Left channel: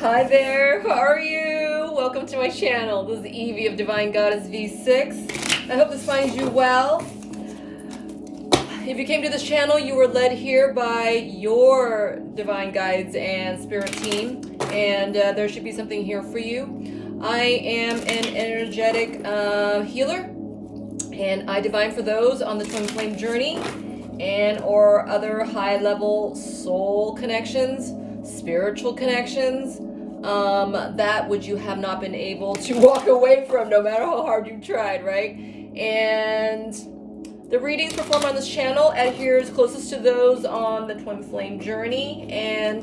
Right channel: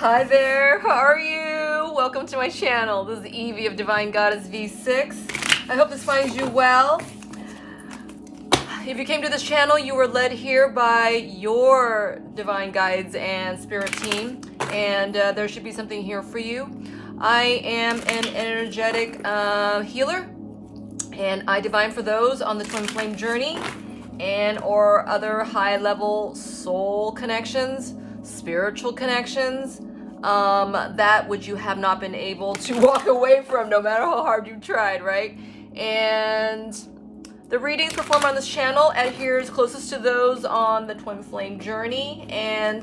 Hi there, how are you? Welcome to my channel. This is Evee of Divine GoddessV6. I hope this finds you well. If you came to this channel, you were led here by your divine guides and spirit team, and there should be something here for you. I am an energetic healer, and I divine for those on the twin flame journey and or other high-level soul connections, spiritual connections, that which you have not been able to walk away from no matter how hard you tried, right? And the readings performed on this channel adheres closest to those on the twin flame journey and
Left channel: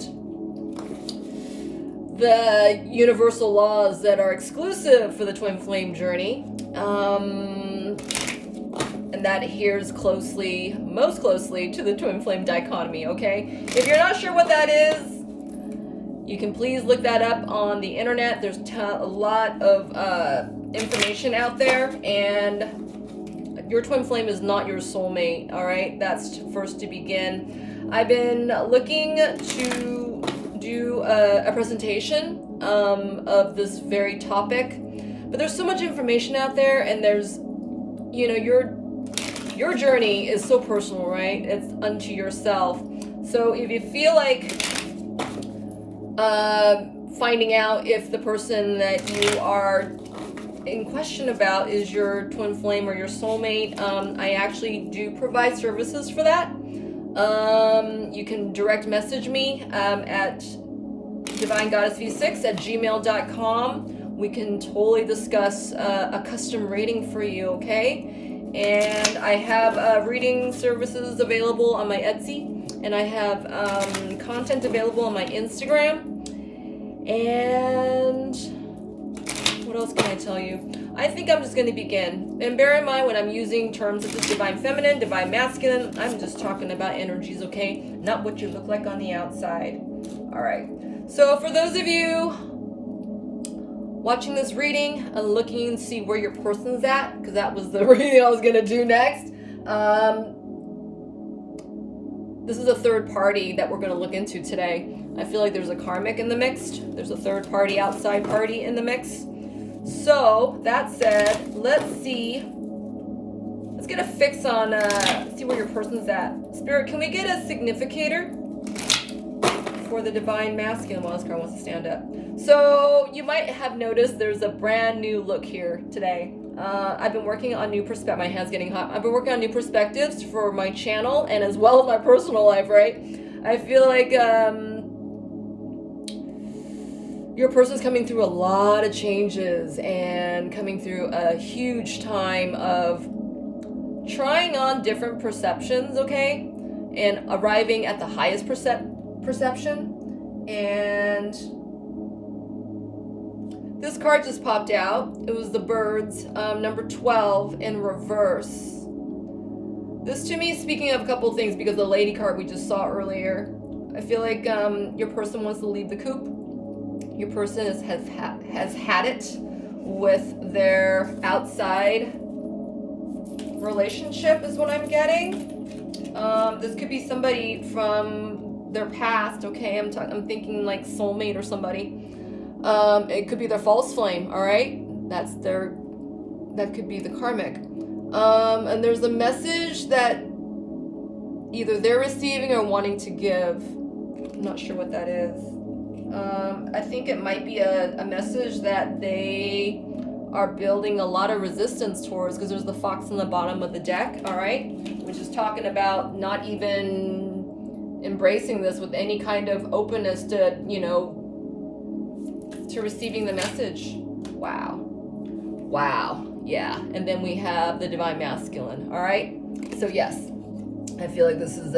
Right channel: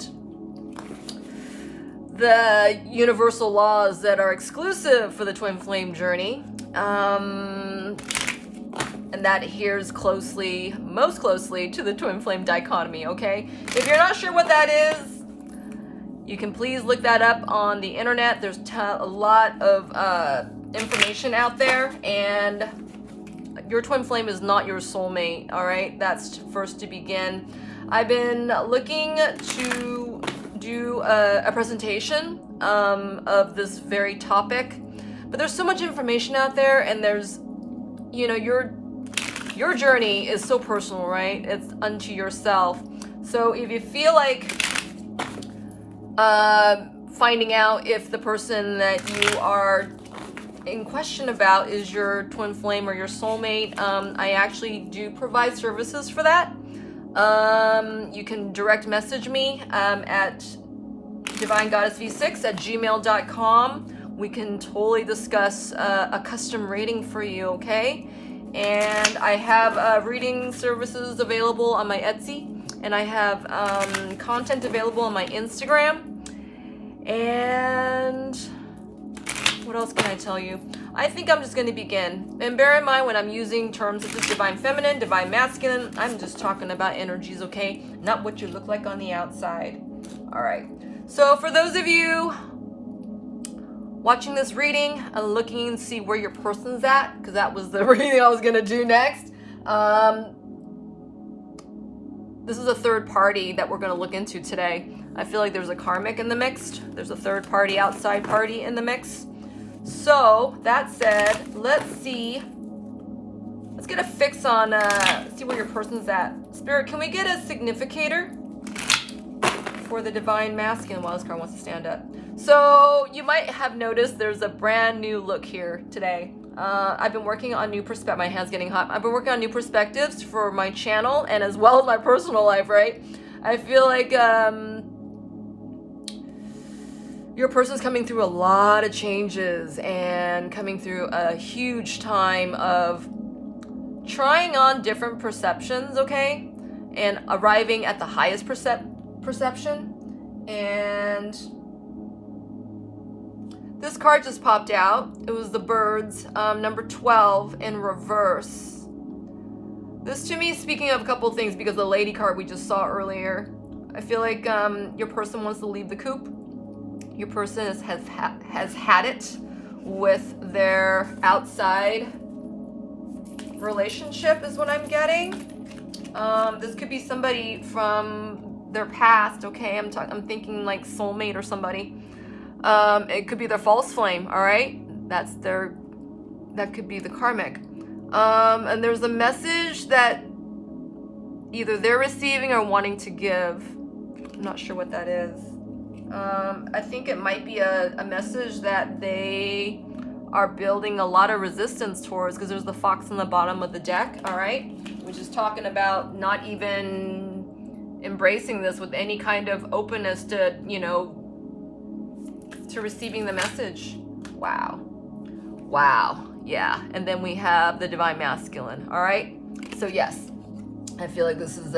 the universal laws that are exclusive for the twin flame journey. And that adheres closely, most closely to the twin flame dichotomy, okay? If you're not sure what that is, you can please look that up on the internet. There's a lot of information out there, and your twin flame is not your soulmate, all right? That's first to begin. I've been looking to do a presentation of this very topic, but there's so much information out there, and there's, you know, your journey is so personal, right? It's unto yourself. So if you feel like finding out if the person that you are in question about is your twin flame or your soulmate, I actually do provide services for that. You can direct message me at divinegoddessv6@gmail.com. We can totally discuss a custom reading for you, okay? And I have reading services available on my Etsy, and I have content available on my Instagram. And what else can I tell you? I think I'm just going to begin. And bear in mind, when I'm using terms such as divine feminine, divine masculine, I'm just talking about energies, okay? Not what you look like on the outside. All right. So for those of you watching this reading and looking to see where your person's at, because that was the reading I was going to do next. This is a third party that we're going to look into today. I feel like there's a karmic in the mix. There's a third party, outside party in the mix. So that said, let's see. Let's get a fix on, see where your person's at. Spirit, can we get a significator for the divine masculine while this card wants to stand up? So you might have noticed there's a brand new look here today. I've been working on new perspectives. My hand's getting hot. I've been working on new perspectives for my channel and as well as my personal life, right? I feel like your person's coming through a lot of changes and coming through a huge time of trying on different perceptions, okay? And arriving at the highest perception. And this card just popped out. It was the birds, number 12 in reverse. This to me is speaking of a couple of things because the lady card we just saw earlier. I feel like your person wants to leave the coop. Your person has had it with their outside relationship is what I'm getting. This could be somebody from their past, okay? I'm thinking like soulmate or somebody. It could be their false flame, all right? That could be the karmic. And there's a message that either they're receiving or wanting to give. I'm not sure what that is. I think it might be a message that they are building a lot of resistance towards, because there's the fox on the bottom of the deck, all right? Which is talking about not even embracing this with any kind of openness to, you know, to receiving the message. Wow, yeah. And then we have the divine masculine, all right? So yes, I feel like this is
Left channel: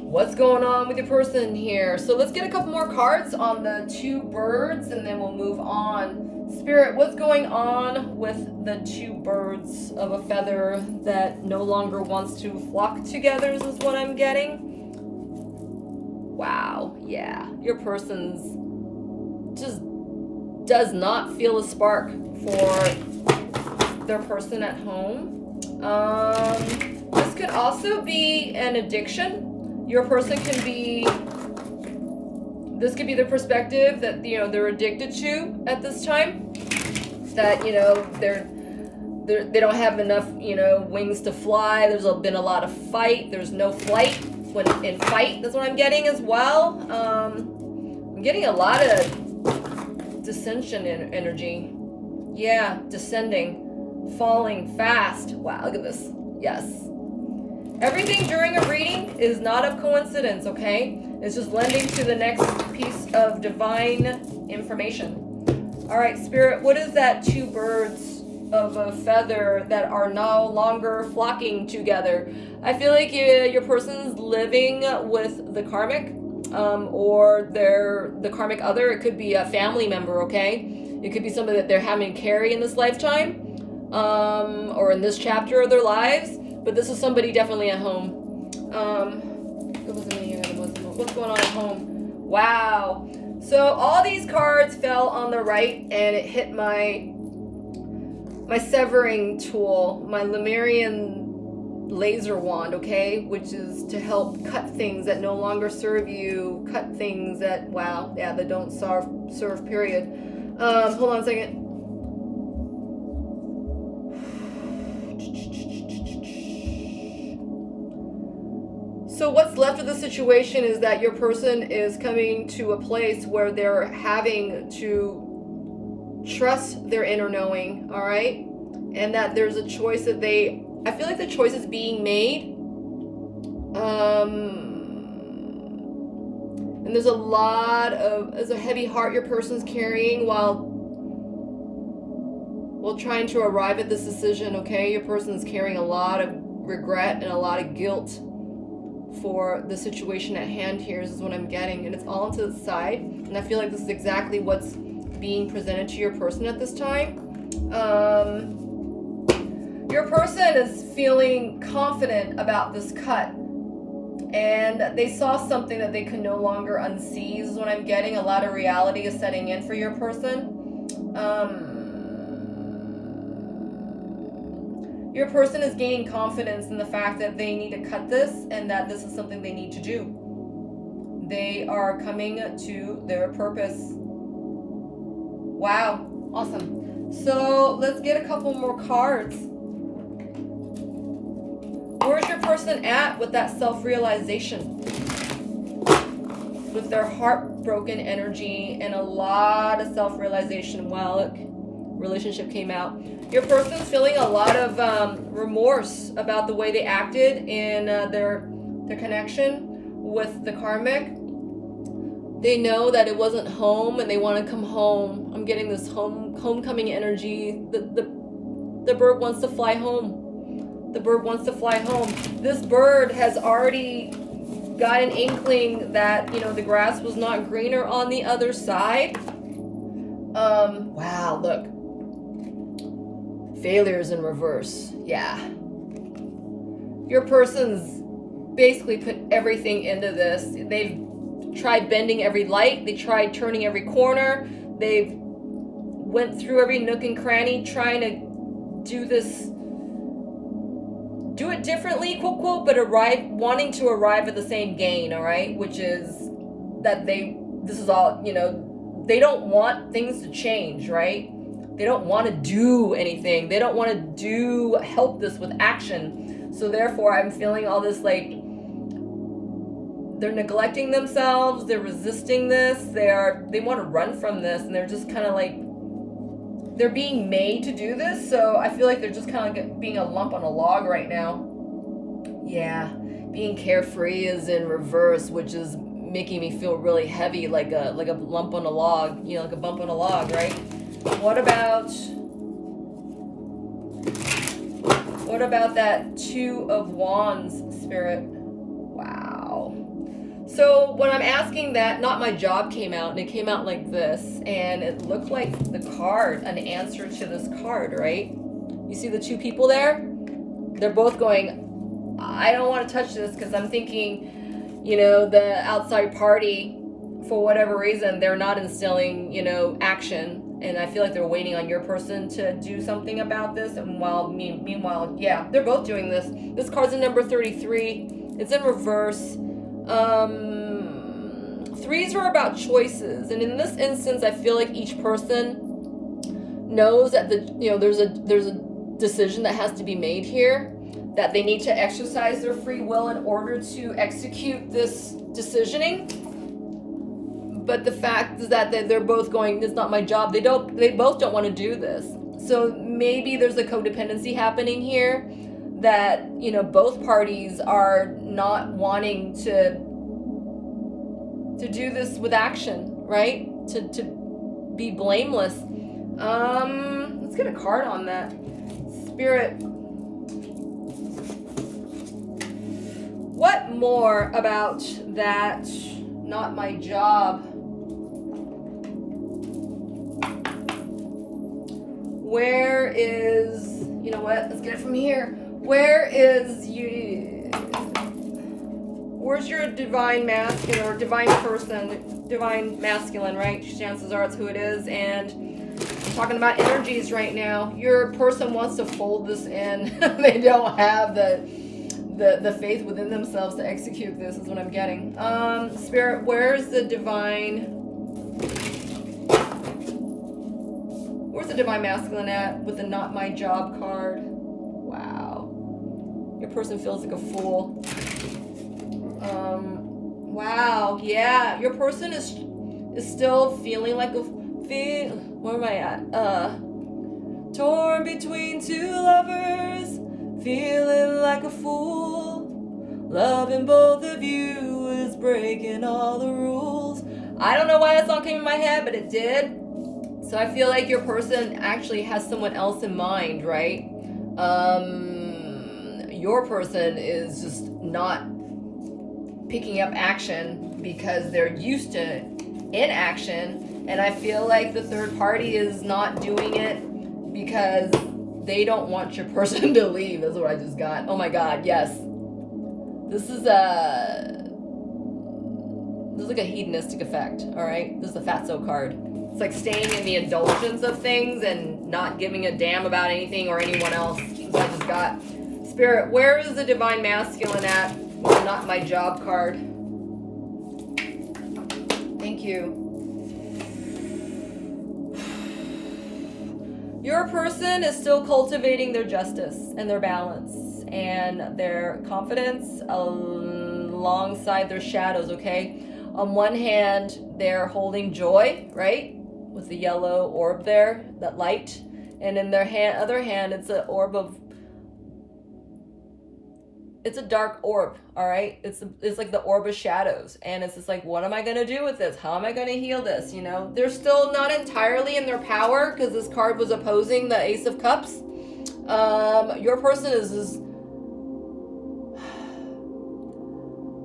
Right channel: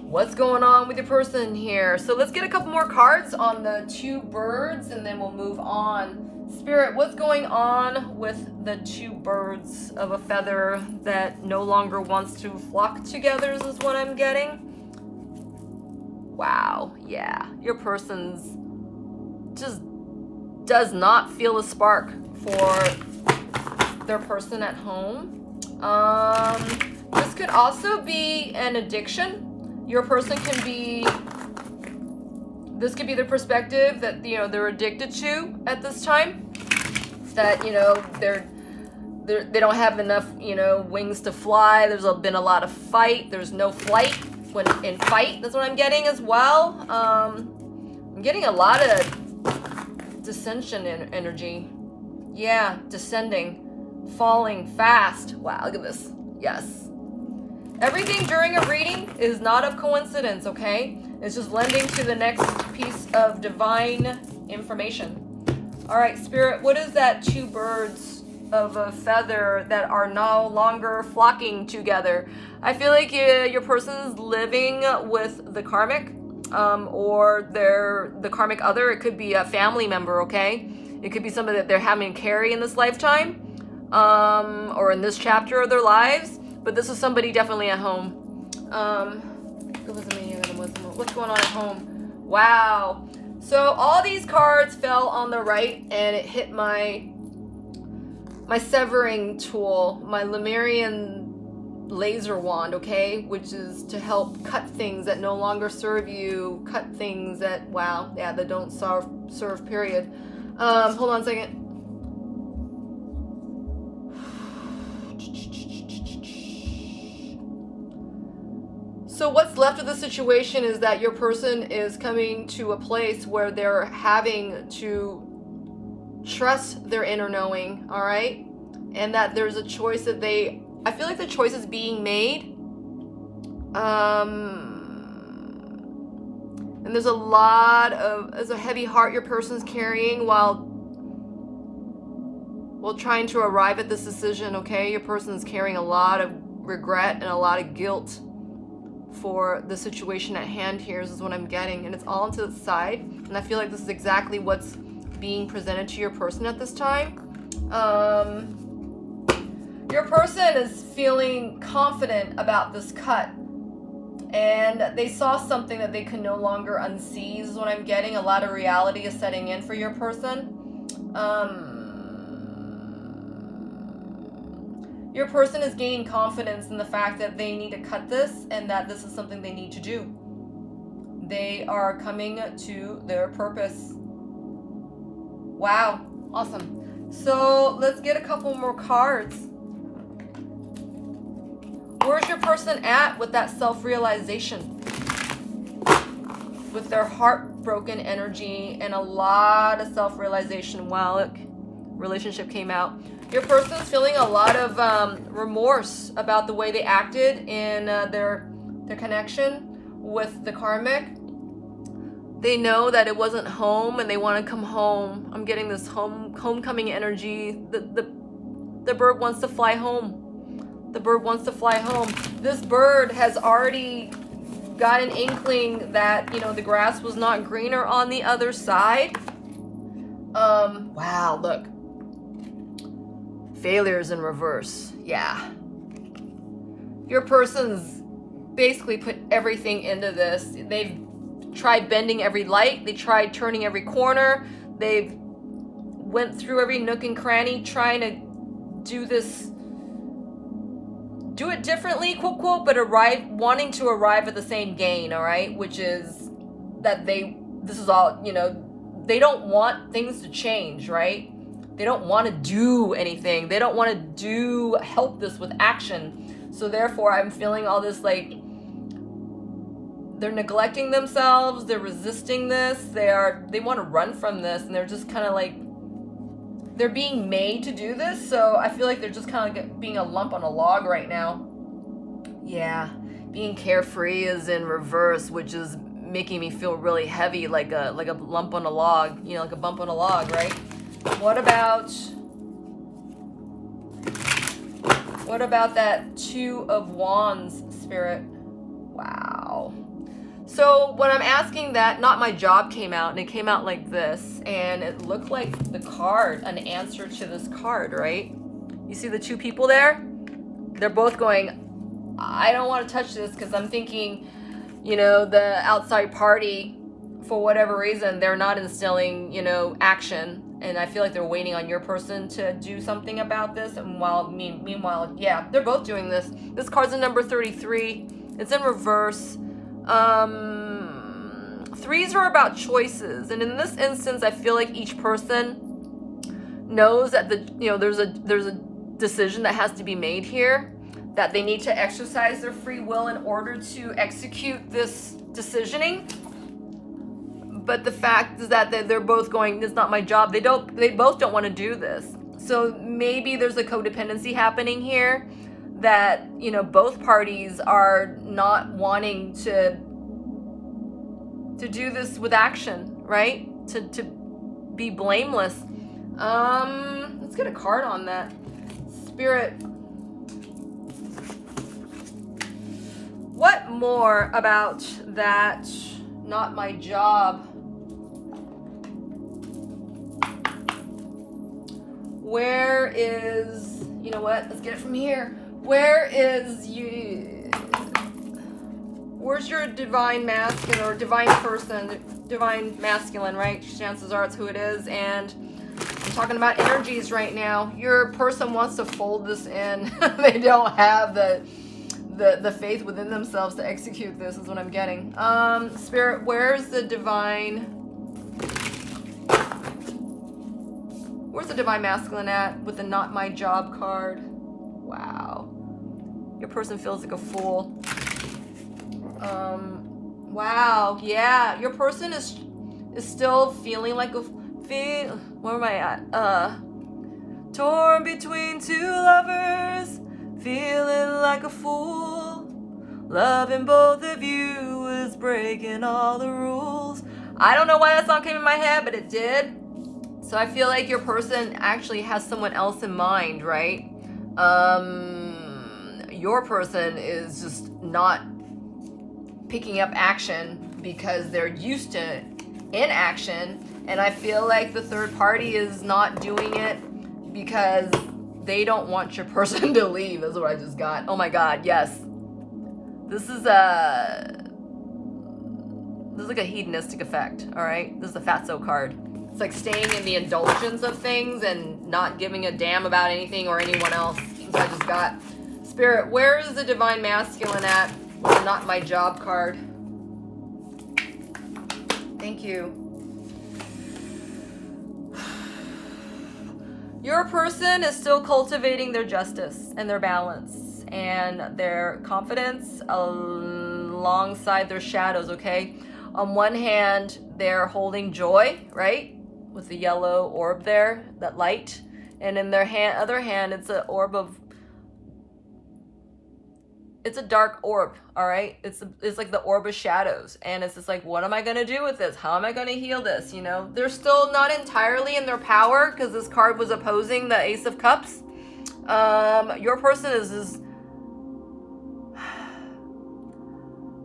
what's going on with your person here. So let's get a couple more cards on the two birds and then we'll move on. Spirit, what's going on with the two birds of a feather that no longer wants to flock together is what I'm getting. Wow, yeah. Your person's just does not feel a spark for their person at home. This could also be an addiction. Your person can be This could be the perspective that, you know, they're addicted to at this time. That, you know, they don't have enough, you know, wings to fly. There's been a lot of fight. There's no flight when in fight. That's what I'm getting as well. I'm getting a lot of dissension in energy. Yeah, descending, falling fast. Wow, look at this. Yes. Everything during a reading is not of coincidence, okay? It's just lending to the next piece of divine information. All right, Spirit, what is that two birds of a feather that are no longer flocking together? I feel like your person's living with the karmic or the karmic other. It could be a family member, okay? It could be somebody that they're having to carry in this lifetime or in this chapter of their lives. But this is somebody definitely at home. What's going on at home? Wow. So all these cards fell on the right, and it hit my severing tool, my Lemurian laser wand, okay? Which is to help cut things that no longer serve you, cut things that, wow, yeah, that don't serve, period. Hold on a second. So what's left of the situation is that your person is coming to a place where they're having to trust their inner knowing, all right? And that there's a choice that I feel like the choice is being made. And there's a heavy heart your person's carrying while trying to arrive at this decision, okay? Your person's carrying a lot of regret and a lot of guilt for the situation at hand here. This is what I'm getting, and it's all to the side, and I feel like this is exactly what's being presented to your person at this time. Your person is feeling confident about this cut, and they saw something that they could no longer unsee. This is what I'm getting. A lot of reality is setting in for your person. Your person is gaining confidence in the fact that they need to cut this and that this is something they need to do. They are coming to their purpose. Wow, awesome. So let's get a couple more cards. Where's your person at with that self-realization? With their heartbroken energy and a lot of self-realization. Wow, look, relationship came out. Your person's feeling a lot of remorse about the way they acted in their connection with the karmic. They know that it wasn't home and they want to come home. I'm getting this homecoming energy. The bird wants to fly home. The bird wants to fly home. This bird has already got an inkling that, you know, the grass was not greener on the other side. Wow, look. Failures in reverse. Yeah. Your person's basically put everything into this. They've tried bending every light. They tried turning every corner. They've went through every nook and cranny trying to do it differently, quote, quote, but wanting to arrive at the same gain, all right? Which is that this is all, you know, they don't want things to change, right? They don't want to do anything. They don't want to help this with action. So therefore, I'm feeling all this, like, they're neglecting themselves. They're resisting this. They want to run from this. And they're just kind of like, they're being made to do this. So I feel like they're just kind of like being a lump on a log right now. Yeah. Being carefree is in reverse, which is making me feel really heavy, like a lump on a log, you know, like a bump on a log, right? What about that Two of Wands, Spirit? Wow. So when I'm asking that, Not My Job came out, and it came out like this, and it looked like the card, an answer to this card, right? You see the two people there? They're both going, I don't want to touch this because I'm thinking, you know, the outside party, for whatever reason, they're not instilling, you know, action. And I feel like they're waiting on your person to do something about this. And meanwhile, yeah, they're both doing this. This card's in number 33. It's in reverse. threes are about choices, and in this instance, I feel like each person knows that there's a decision that has to be made here, that they need to exercise their free will in order to execute this decisioning. But the fact is that they're both going, it's not my job. They both don't want to do this. So maybe there's a codependency happening here, that both parties are not wanting to do this with action, right? To be blameless. Let's get a card on that. Spirit, what more about that not my job? Where is, let's get it from here. Where's your divine masculine or divine person, divine masculine, right? Chances are it's who it is. And I'm talking about energies right now. Your person wants to fold this in. They don't have the faith within themselves to execute this, is what I'm getting. Spirit, where's the divine masculine at with the not my job card? Wow. Your person feels like a fool. Wow. Yeah. Your person is still feeling like where am I at? Torn between two lovers, feeling like a fool. Loving both of you is breaking all the rules. I don't know why that song came in my head, but it did. So I feel like your person actually has someone else in mind, right? Your person is just not picking up action because they're used to inaction. And I feel like the third party is not doing it because they don't want your person to leave. That's what I just got. Oh my God, yes. This is like a hedonistic effect, all right? This is a fatso card. It's like staying in the indulgence of things and not giving a damn about anything or anyone else. That's what I just got. Spirit, where is the divine masculine at with the not my job card? Thank you. Your person is still cultivating their justice and their balance and their confidence alongside their shadows, okay? On one hand, they're holding joy, right? With the yellow orb there, that light. And in their other hand, it's an orb of, it's a dark orb, all right? It's like the orb of shadows. And it's just like, what am I going to do with this? How am I going to heal this? They're still not entirely in their power because this card was opposing the Ace of Cups. Your person is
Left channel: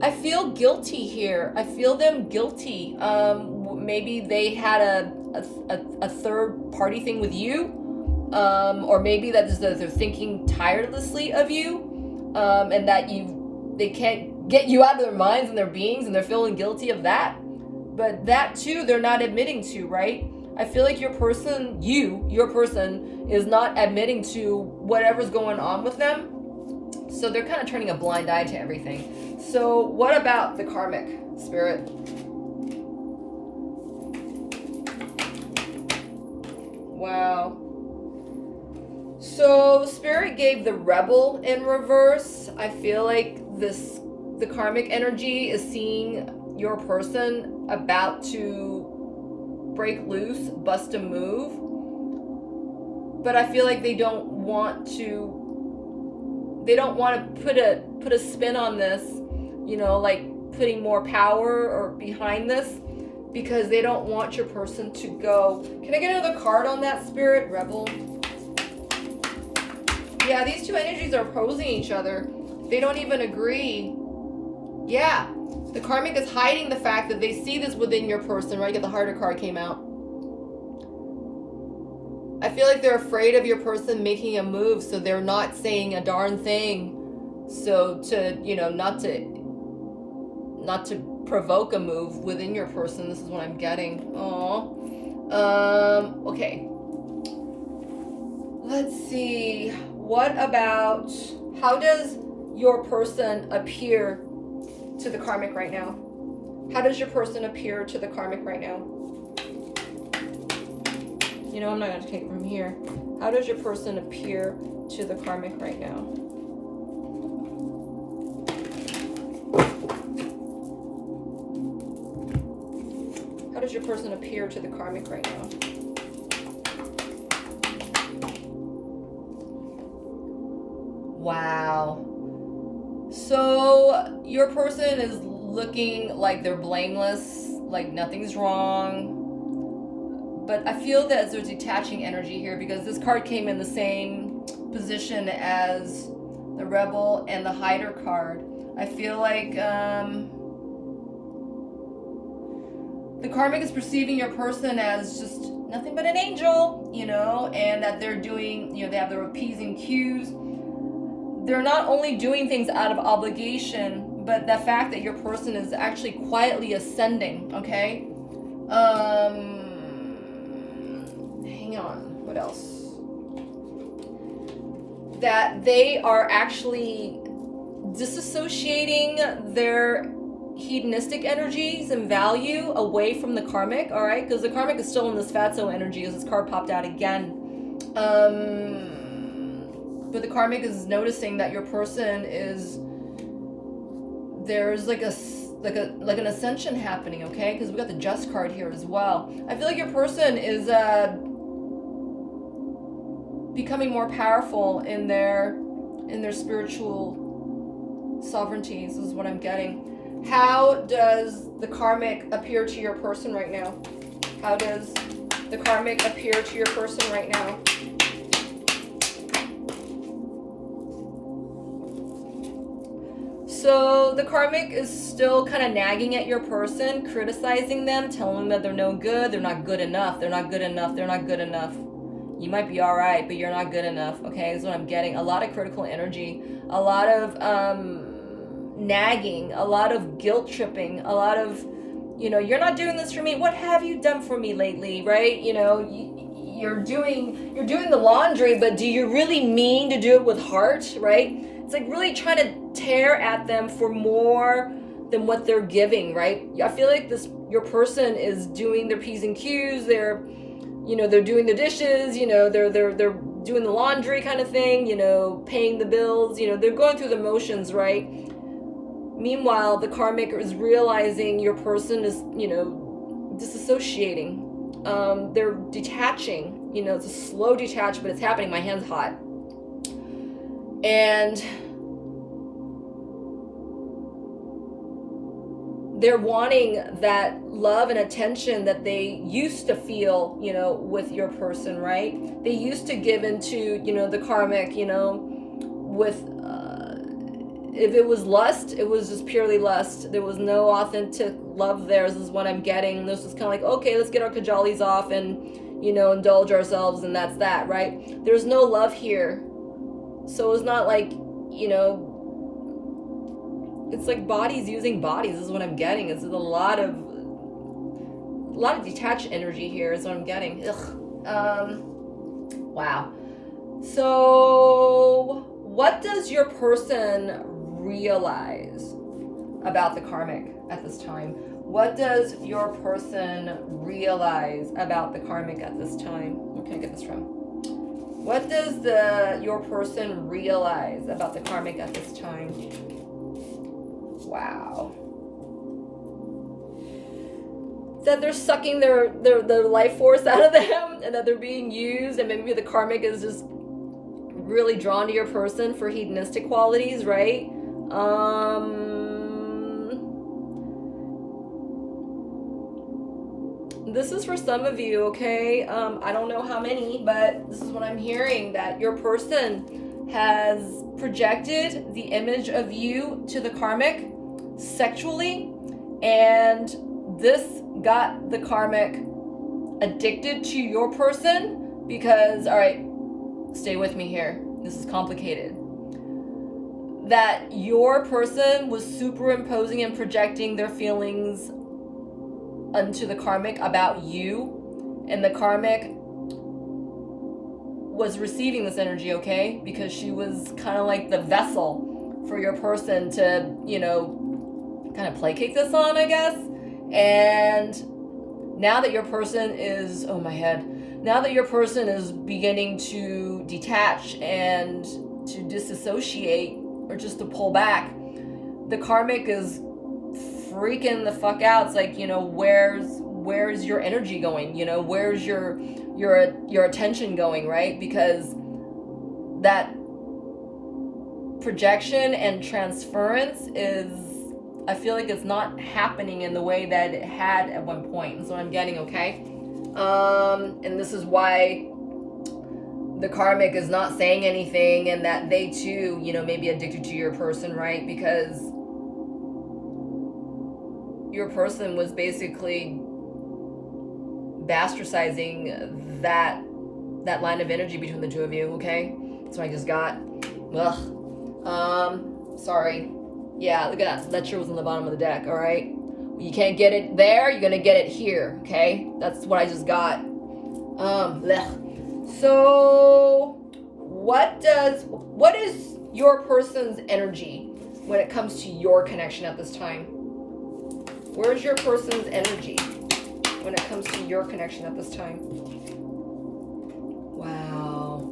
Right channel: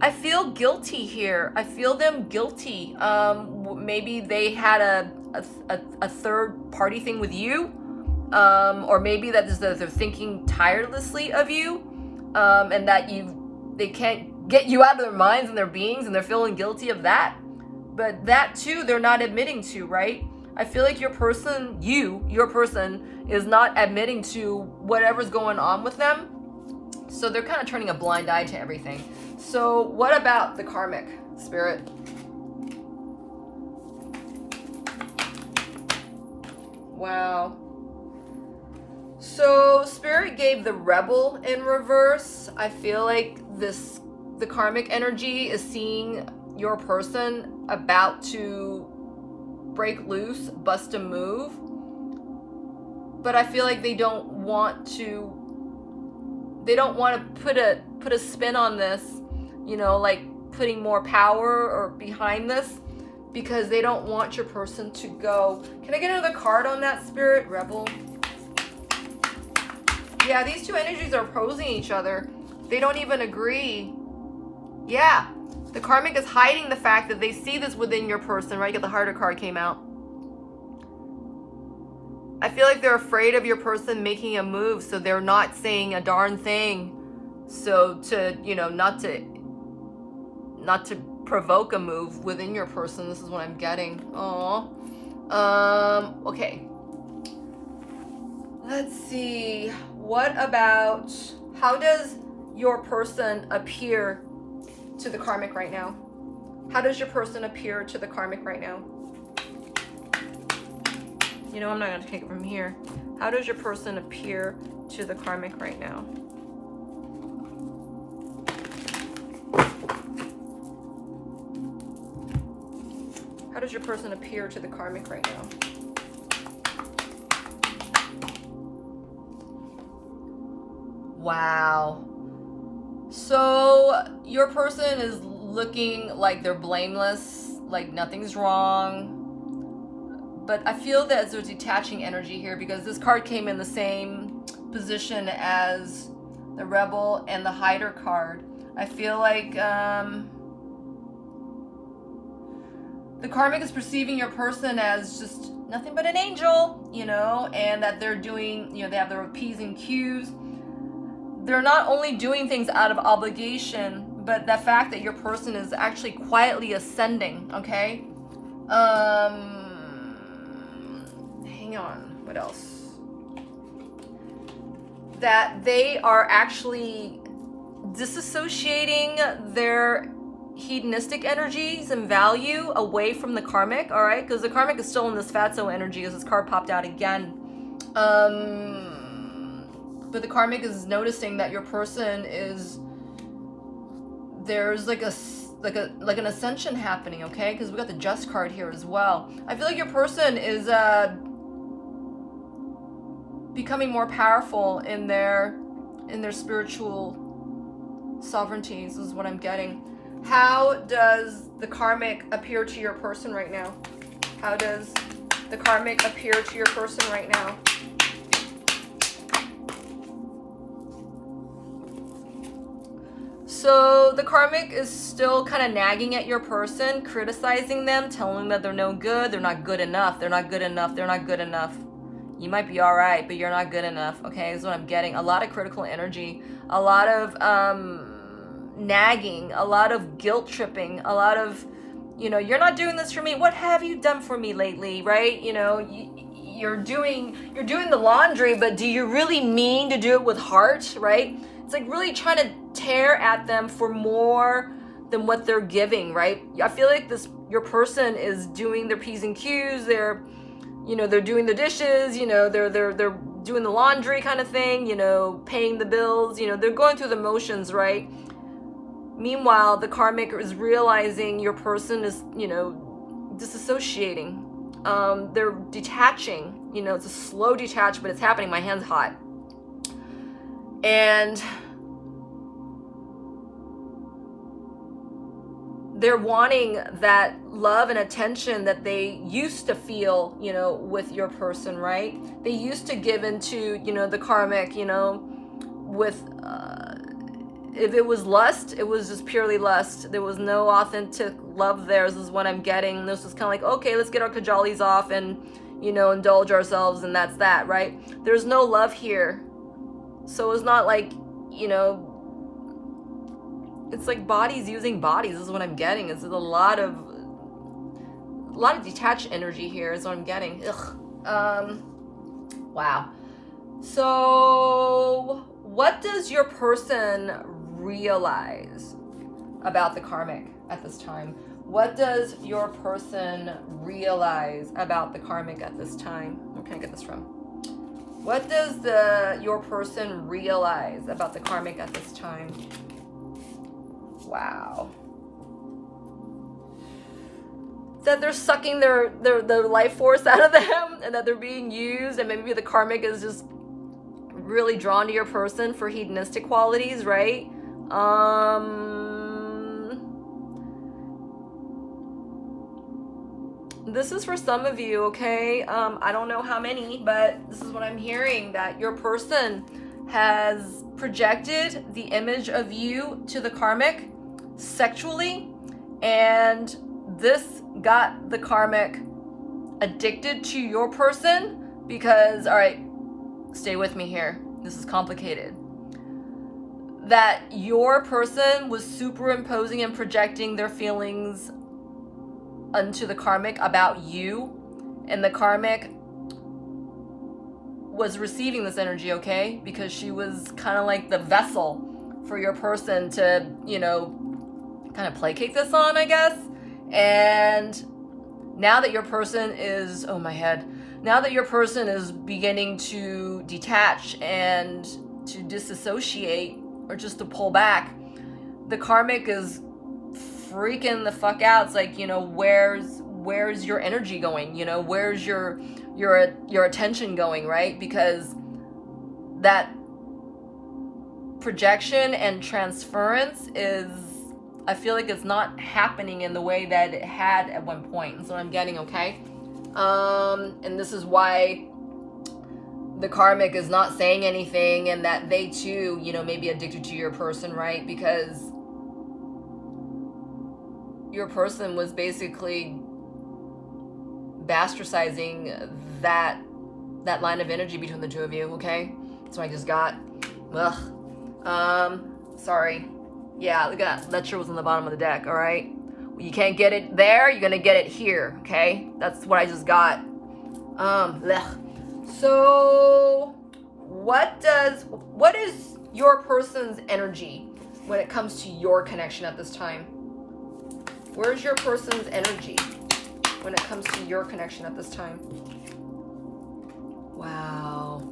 I feel guilty here. I feel them guilty. Maybe they had a third party thing with you, or maybe that is that they're thinking tirelessly of you, and that they can't get you out of their minds and their beings, and they're feeling guilty of that. But that too, they're not admitting to, right? I feel like your person is not admitting to whatever's going on with them. So they're kind of turning a blind eye to everything. So what about the karmic, Spirit? Wow. So Spirit gave the rebel in reverse. I feel like the karmic energy is seeing your person about to break loose, bust a move. But I feel like they don't want to put a spin on this, like putting more power or behind this, because they don't want your person to go. Can I get another card on that, Spirit? Rebel. Yeah, these two energies are opposing each other. They don't even agree. Yeah, the karmic is hiding the fact that they see this within your person, right? The harder card came out. I feel like they're afraid of your person making a move, so they're not saying a darn thing. So to, not to provoke a move within your person. This is what I'm getting. Okay. Let's see. What about, how does your person appear to the karmic right now? How does your person appear to the karmic right now? You know, I'm not going to take it from here. How does your person appear to the karmic right now? How does your person appear to the karmic right now? Wow. So your person is looking like they're blameless, like nothing's wrong. But I feel that there's detaching energy here because this card came in the same position as the Rebel and the Hider card. I feel like the karmic is perceiving your person as just nothing but an angel, you know, and that they're doing, you know, they have their appeasing cues. They're not only doing things out of obligation, but the fact that your person is actually quietly ascending, okay? Hang on, what else? That they are actually disassociating their hedonistic energies and value away from the karmic, all right? Because the karmic is still in this fatso energy as this card popped out again. But the karmic is noticing that your person is, there's like an ascension happening, okay? Because we got the Just card here as well. I feel like your person is becoming more powerful in their spiritual sovereignties, is what I'm getting. How does the karmic appear to your person right now? How does the karmic appear to your person right now? So the karmic is still kind of nagging at your person, criticizing them, telling them that they're no good, they're not good enough, they're not good enough, they're not good enough. You might be all right, but you're not good enough, okay? Is what I'm getting. A lot of critical energy, a lot of nagging, a lot of guilt tripping, a lot of, you know, you're not doing this for me. What have you done for me lately, right? You know, you're doing the laundry, but do you really mean to do it with heart, right? It's like really trying to tear at them for more than what they're giving, right? I feel like your person is doing their P's and Q's, they're doing the dishes, you know, they're doing the laundry kind of thing, you know, paying the bills, you know, they're going through the motions, right? Meanwhile, the karmic is realizing your person is, you know, disassociating. They're detaching, you know, it's a slow detach, but it's happening. My hand's hot. And they're wanting that love and attention that they used to feel, you know, with your person, right? They used to give into, you know, the karmic, you know, with, if it was lust, it was just purely lust. There was no authentic love there, is what I'm getting. This was kind of like, okay, let's get our kajalis off and, you know, indulge ourselves, and that's that, right? There's no love here. So it's not like, you know, it's like bodies using bodies, is what I'm getting. It's a lot of detached energy here, is what I'm getting. Ugh. Wow. So what does your person realize about the karmic at this time? What does your person realize about the karmic at this time? Where can I get this from? What does your person realize about the karmic at this time? Wow. That they're sucking their life force out of them, and that they're being used, and maybe the karmic is just really drawn to your person for hedonistic qualities, right? This is for some of you, okay? I don't know how many, but this is what I'm hearing, that your person has projected the image of you to the karmic sexually, and this got the karmic addicted to your person because, all right, stay with me here, this is complicated, that your person was superimposing and projecting their feelings onto the karmic about you, and the karmic was receiving this energy, okay, because she was kind of like the vessel for your person to, you know, kind of placate this on, I guess. And now that your person is, oh my head, now that your person is beginning to detach and to disassociate or just to pull back, the karmic is freaking the fuck out. It's like, you know, where's your energy going? You know, where's your attention going, right? Because that projection and transference is, I feel like it's not happening in the way that it had at one point. That's what I'm getting, okay? And this is why the karmic is not saying anything, and that they too, you know, may be addicted to your person, right? Because your person was basically bastardizing that line of energy between the two of you, okay? That's what I just got. Sorry. Yeah, look at that. Lecture was on the bottom of the deck, all right? You can't get it there, you're gonna get it here, okay? That's what I just got. So, what is your person's energy when it comes to your connection at this time? Where's your person's energy when it comes to your connection at this time? Wow.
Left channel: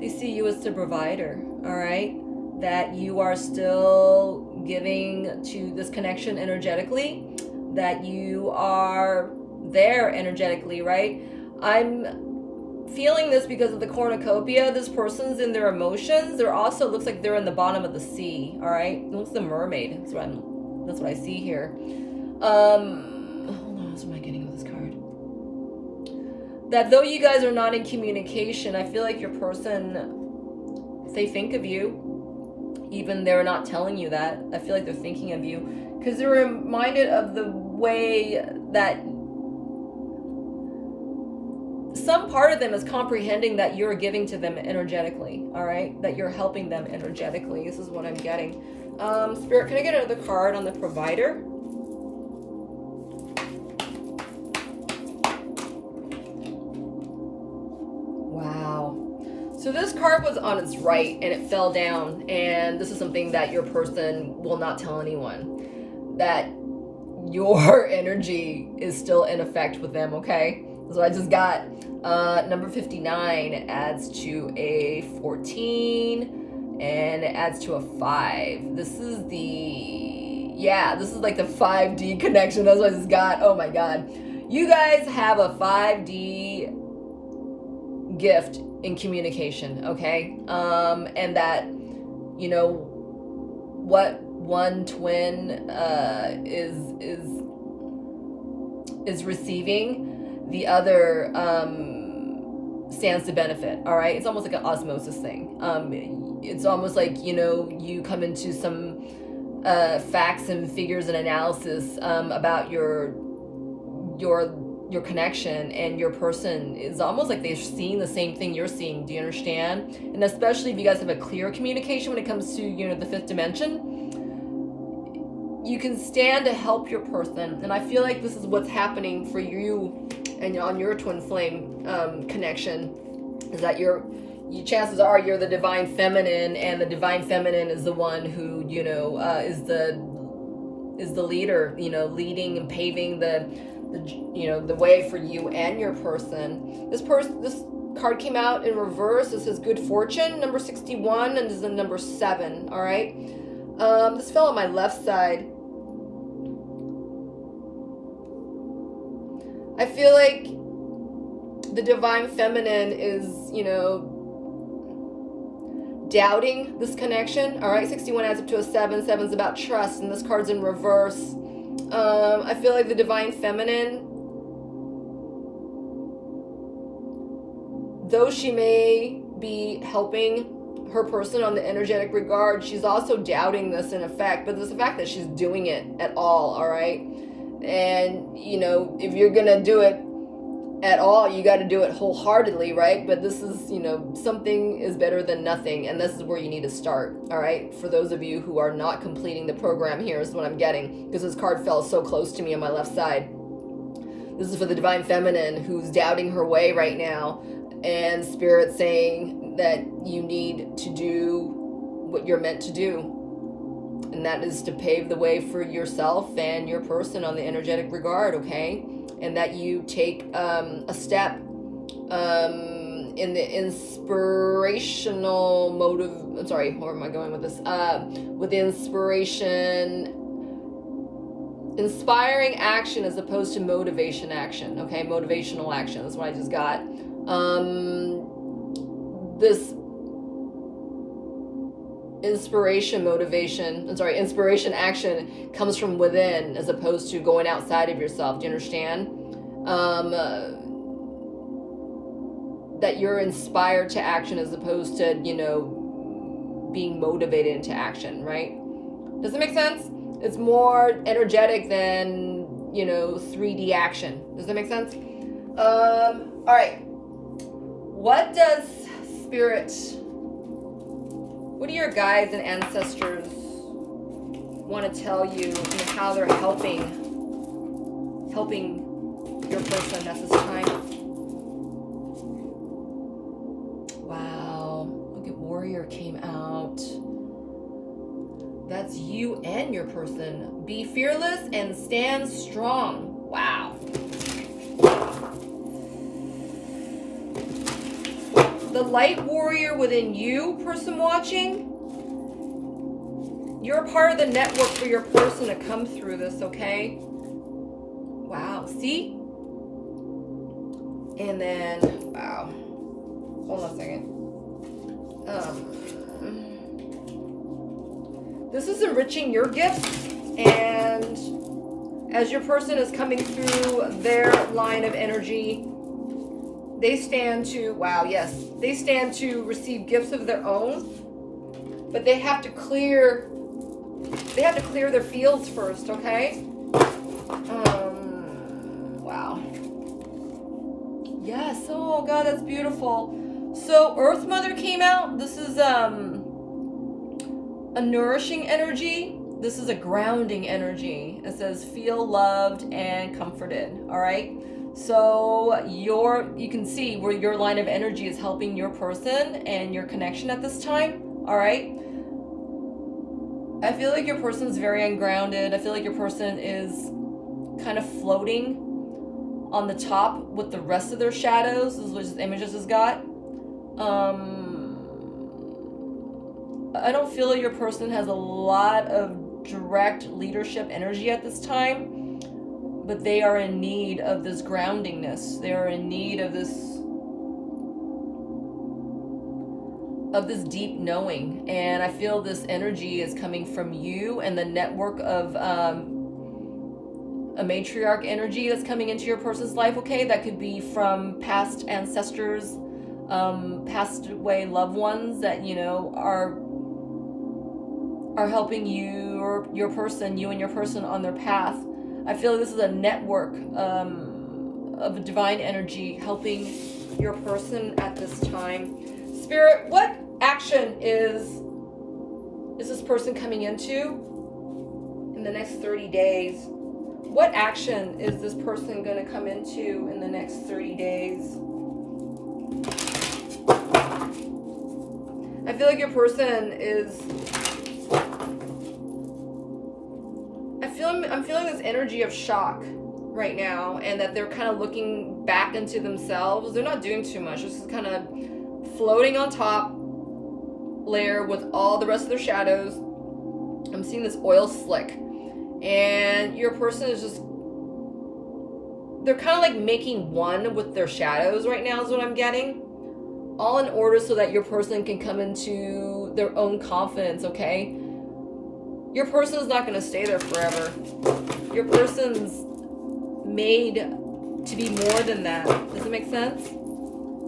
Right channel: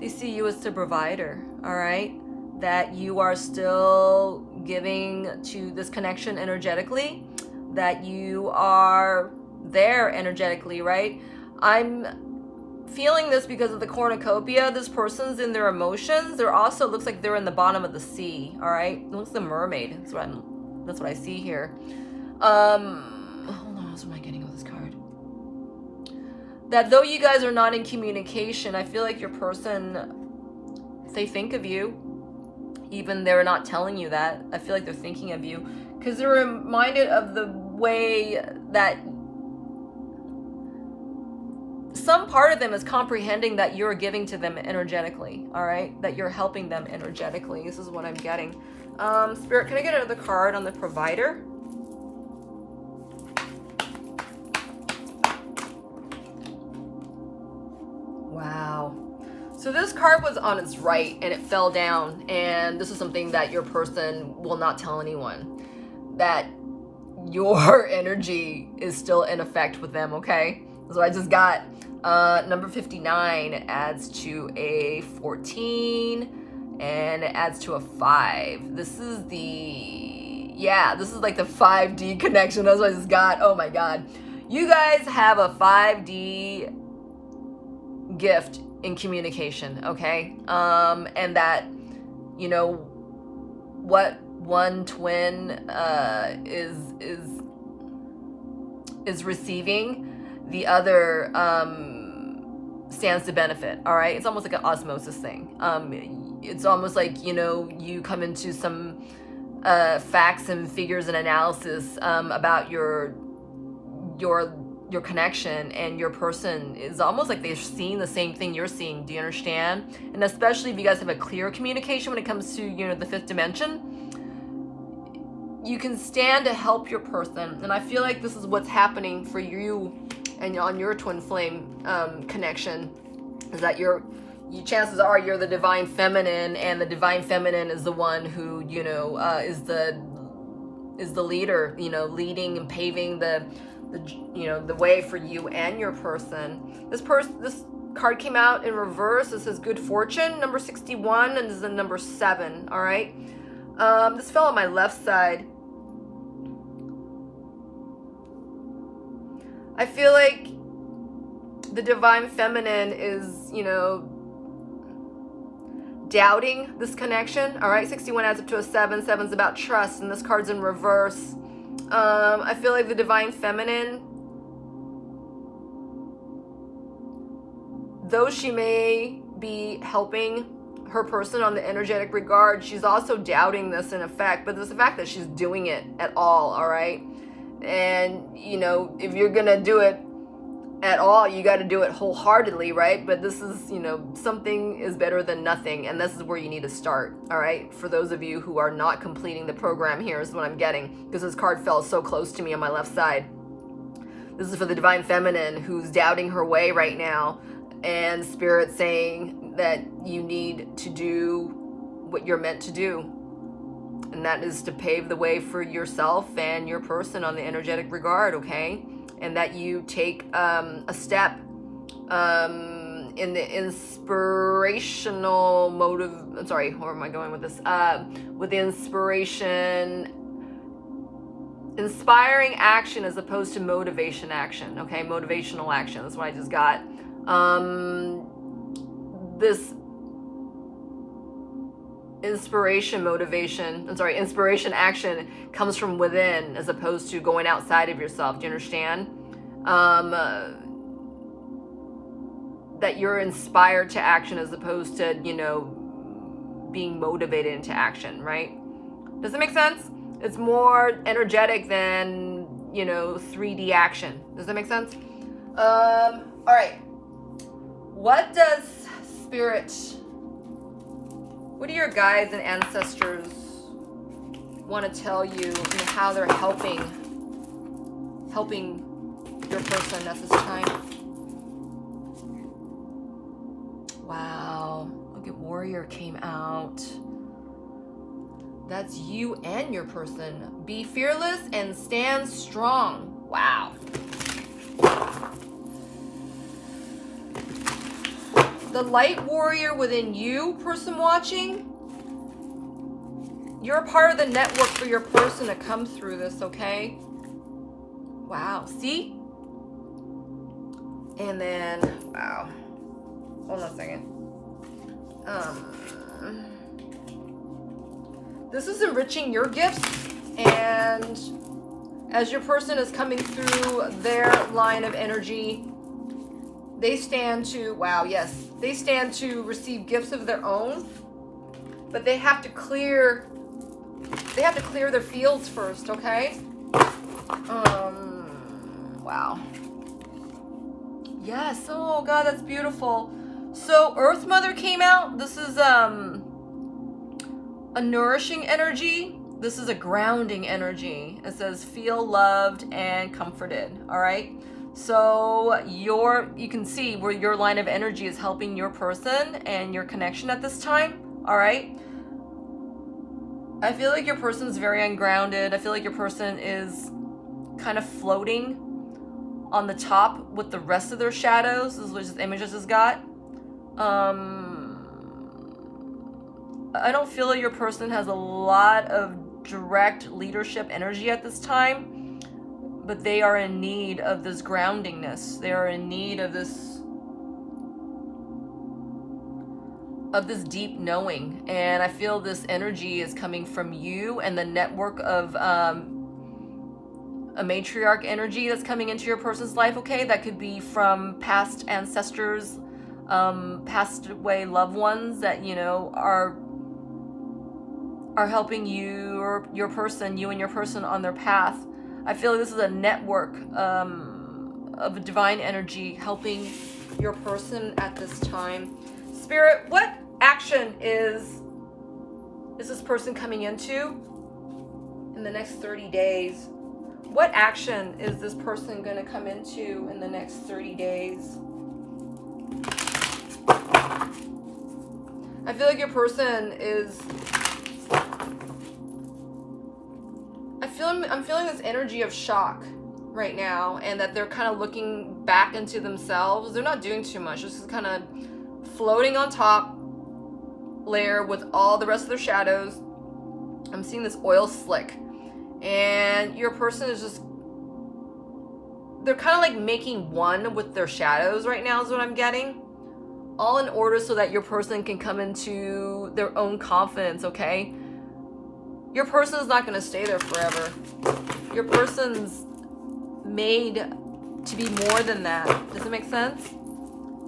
They see you as the provider, all right? That you are still giving to this connection energetically, that you are there energetically, right? I'm feeling this because of the cornucopia. This person's in their emotions. They're also, looks like they're in the bottom of the sea, all right? It looks like a mermaid. That's what I see here. Hold on, what am I getting with this card? That though you guys are not in communication, I feel like your person, they think of you. Even they're not telling you that. I feel like they're thinking of you because they're reminded of the way that some part of them is comprehending that you're giving to them energetically, all right? That you're helping them energetically. This is what I'm getting. Spirit, can I get another card on the provider? So this card was on its right and it fell down, and this is something that your person will not tell anyone, that your energy is still in effect with them, okay? So I just got number 59 adds to a 14 and it adds to a 5. This is like the 5D connection. That's what I just got. Oh my God. You guys have a 5D gift in communication, okay? And that, you know, what one twin is receiving, the other stands to benefit, all right? It's almost like an osmosis thing. It's almost like, you know, you come into some facts and figures and analysis about your connection, and your person is almost like they're seeing the same thing you're seeing. Do you understand? And especially if you guys have a clear communication when it comes to, you know, the fifth dimension, you can stand to help your person. And I feel like this is what's happening for you and on your twin flame connection, is that chances are you're the divine feminine, and the divine feminine is the one who, you know, is the leader, you know, leading and paving the way for you and your person. This card came out in reverse. This is good fortune, number 61, and this is the number 7. All right. This fell on my left side. I feel like the divine feminine is, you know, doubting this connection. All right. 61 adds up to a 7. 7's about trust, and this card's in reverse. I feel like the divine feminine, though she may be helping her person on the energetic regard, she's also doubting this in effect, but there's the fact that she's doing it at all right? And, you know, if you're gonna do it at all, you got to do it wholeheartedly, right? But this is, you know, something is better than nothing, and this is where you need to start, all right? For those of you who are not completing the program, here is what I'm getting, because this card fell so close to me on my left side. This is for the divine feminine who's doubting her way right now, and Spirit saying that you need to do what you're meant to do. And that is to pave the way for yourself and your person on the energetic regard, okay? And that you take a step in the inspirational motive. Sorry, where am I going with this? With the inspiring action as opposed to motivation action, okay? Motivational action, that's what I just got. This inspiration action comes from within as opposed to going outside of yourself. Do you understand? That you're inspired to action as opposed to, you know, being motivated into action, right? Does it make sense? It's more energetic than, you know, 3D action. Does that make sense? All right. What does Spirit, what do your guides and ancestors want to tell you and how they're helping your person at this time? Wow. Look at Warrior came out. That's you and your person. Be fearless and stand strong. Wow. The light warrior within you, person watching, you're a part of the network for your person to come through this, okay? Wow, see? And then, wow. Hold on a second. This is enriching your gifts, and as your person is coming through their line of energy, they stand to, wow, yes, they stand to receive gifts of their own, but they have to clear their fields first, okay? Wow. Yes, oh God, that's beautiful. So Earth Mother came out. This is a nourishing energy. This is a grounding energy. It says feel loved and comforted, all right? So you can see where your line of energy is helping your person and your connection at this time, all right? I feel like your person's very ungrounded. I feel like your person is kind of floating on the top with the rest of their shadows. This is what this image has got. I don't feel like your person has a lot of direct leadership energy at this time, but they are in need of this groundingness. They are in need of this deep knowing. And I feel this energy is coming from you and the network of a matriarch energy that's coming into your person's life, okay? That could be from past ancestors, passed away loved ones that, you know, are helping you or you and your person on their path. I feel like this is a network of divine energy helping your person at this time. Spirit, what action is this person coming into in the next 30 days? What action is this person going to come into in the next 30 days? I feel like your person is... I'm feeling this energy of shock right now, and that they're kind of looking back into themselves. They're not doing too much. Just kind of floating on top layer with all the rest of their shadows. I'm seeing this oil slick, and your person is just, they're kind of like making one with their shadows right now is what I'm getting, all in order so that your person can come into their own confidence, okay? Your person is not going to stay there forever. Your person's made to be more than that. Does it make sense?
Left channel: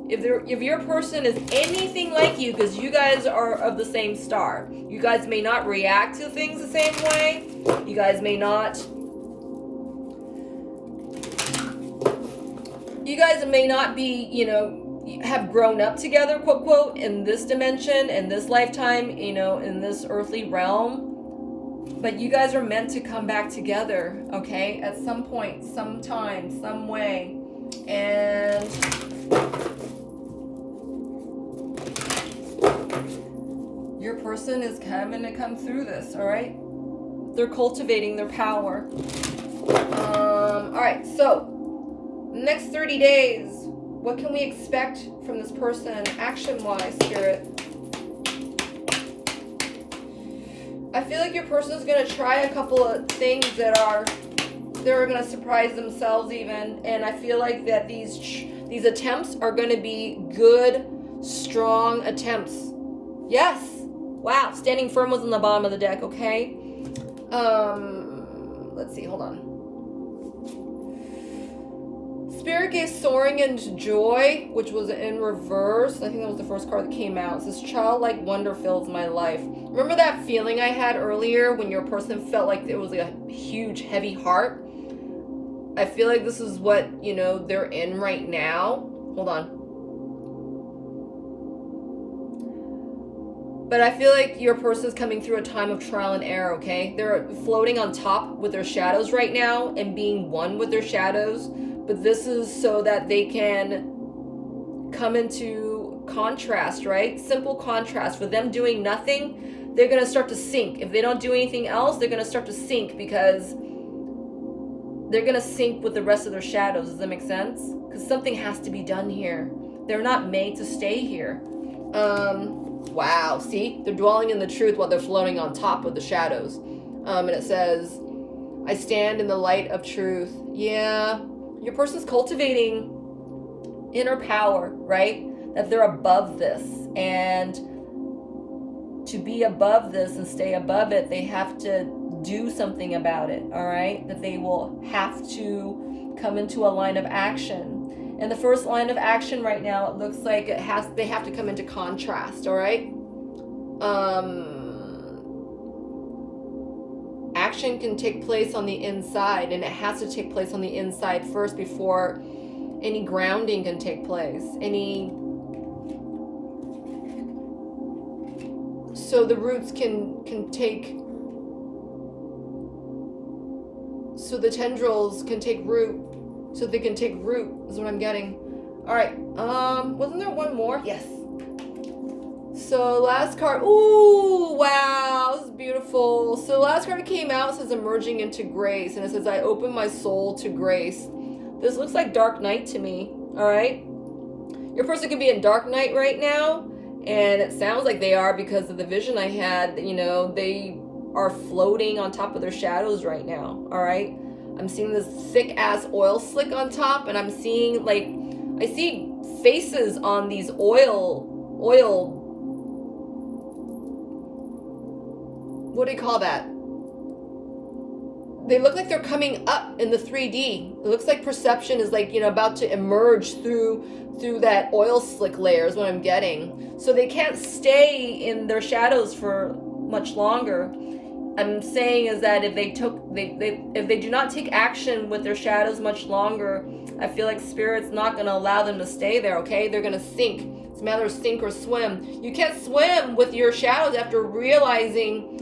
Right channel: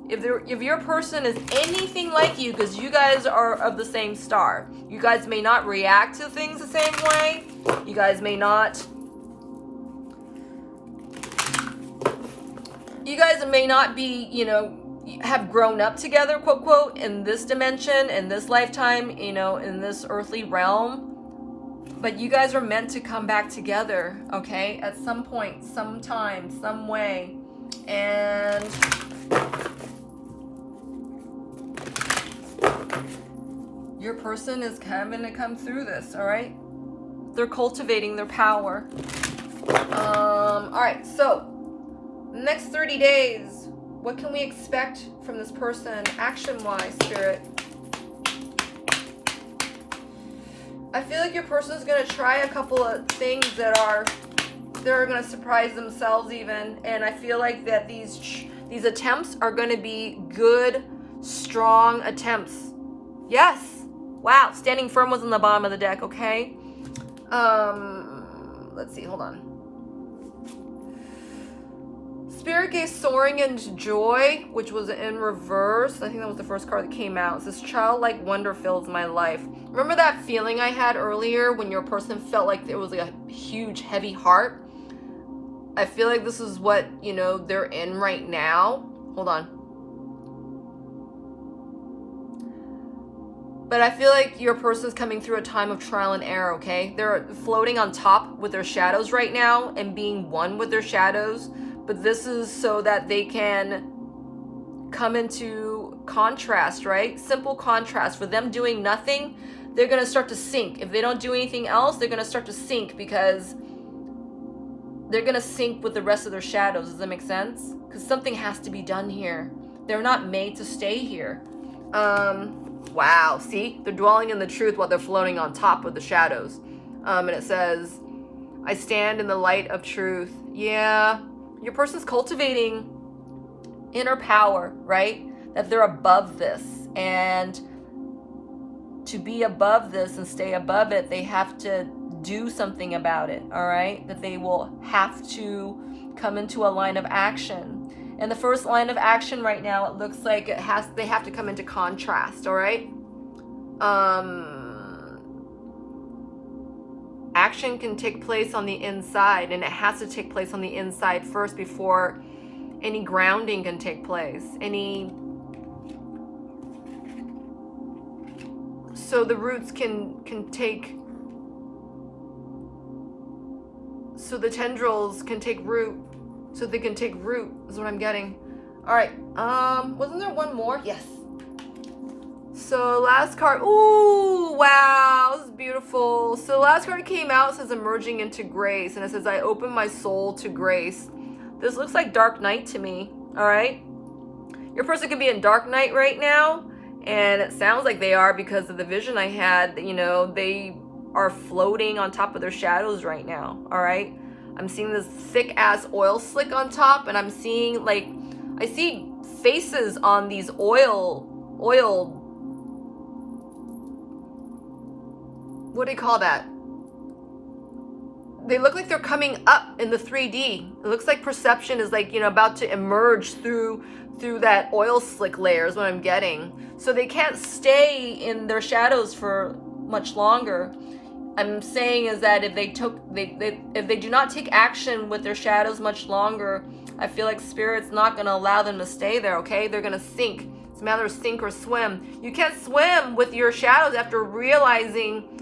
If your person is anything like you, because you guys are of the same star, you guys may not react to things the same way. You guys may not be, you know, have grown up together, quote, quote, in this dimension, in this lifetime, you know, in this earthly realm. But you guys are meant to come back together, okay? At some point, sometime, some way. And your person is having to come through this, all right? They're cultivating their power. All right, so next 30 days, what can we expect from this person action-wise, Spirit? I feel like your person is going to try a couple of things they're going to surprise themselves even, and I feel like that these attempts are going to be good, strong attempts. Yes. Wow. Standing firm was on the bottom of the deck, okay? Let's see. Hold on. Spirit gave soaring and joy, which was in reverse. I think that was the first card that came out. It says, childlike wonder fills my life. Remember that feeling I had earlier when your person felt like there was like a huge, heavy heart? I feel like this is what, you know, they're in right now. Hold on. But I feel like your person's coming through a time of trial and error, okay? They're floating on top with their shadows right now and being one with their shadows. But this is so that they can come into contrast, right? Simple contrast. For them doing nothing, they're going to start to sink. If they don't do anything else, they're going to start to sink because they're going to sink with the rest of their shadows. Does that make sense? Because something has to be done here. They're not made to stay here. Wow, see? They're dwelling in the truth while they're floating on top of the shadows. And it says, I stand in the light of truth. Yeah, your person's cultivating inner power, right? That they're above this. And to be above this and stay above it, they have to do something about it, all right? That they will have to come into a line of action. And the first line of action right now, it looks like they have to come into contrast, all right? Action can take place on the inside, and it has to take place on the inside first before any grounding can take place. So the roots can take, so the tendrils can take root. So they can take root, is what I'm getting. All right, wasn't there one more? Yes. So last card, ooh, wow, this is beautiful. So last card came out, says emerging into grace, and it says, I open my soul to grace. This looks like dark night to me, all right? Your person could be in dark night right now, and it sounds like they are because of the vision I had, you know, they are floating on top of their shadows right now, all right? I'm seeing this thick ass oil slick on top, and I'm seeing like, I see faces on these oil, what do you call that? They look like they're coming up in the 3D. It looks like perception is like, you know, about to emerge through that oil slick layer is what I'm getting. So they can't stay in their shadows for much longer. I'm saying is that if they do not take action with their shadows much longer, I feel like Spirit's not going to allow them to stay there, okay? They're going to sink. It's a matter of sink or swim. You can't swim with your shadows after realizing,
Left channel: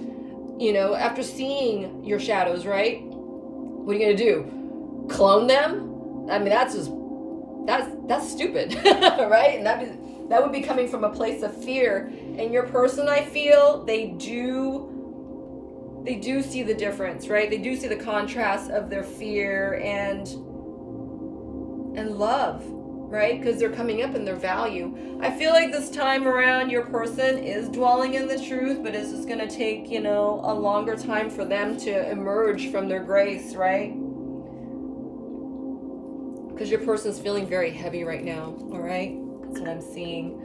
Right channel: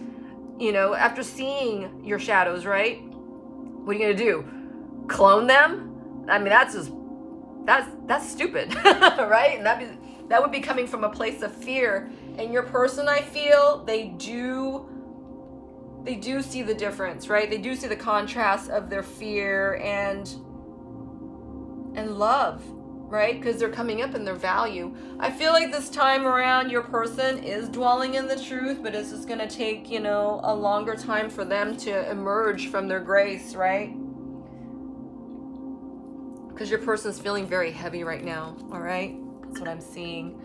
you know, after seeing your shadows, right? What are you going to do? Clone them? I mean, that's stupid, right? And that would be coming from a place of fear. And your person, I feel, they do see the difference, right? They do see the contrast of their fear and love, right? Because they're coming up in their value. I feel like this time around your person is dwelling in the truth, but it's just going to take, you know, a longer time for them to emerge from their grace, right? Because your person's feeling very heavy right now, all right? That's what I'm seeing.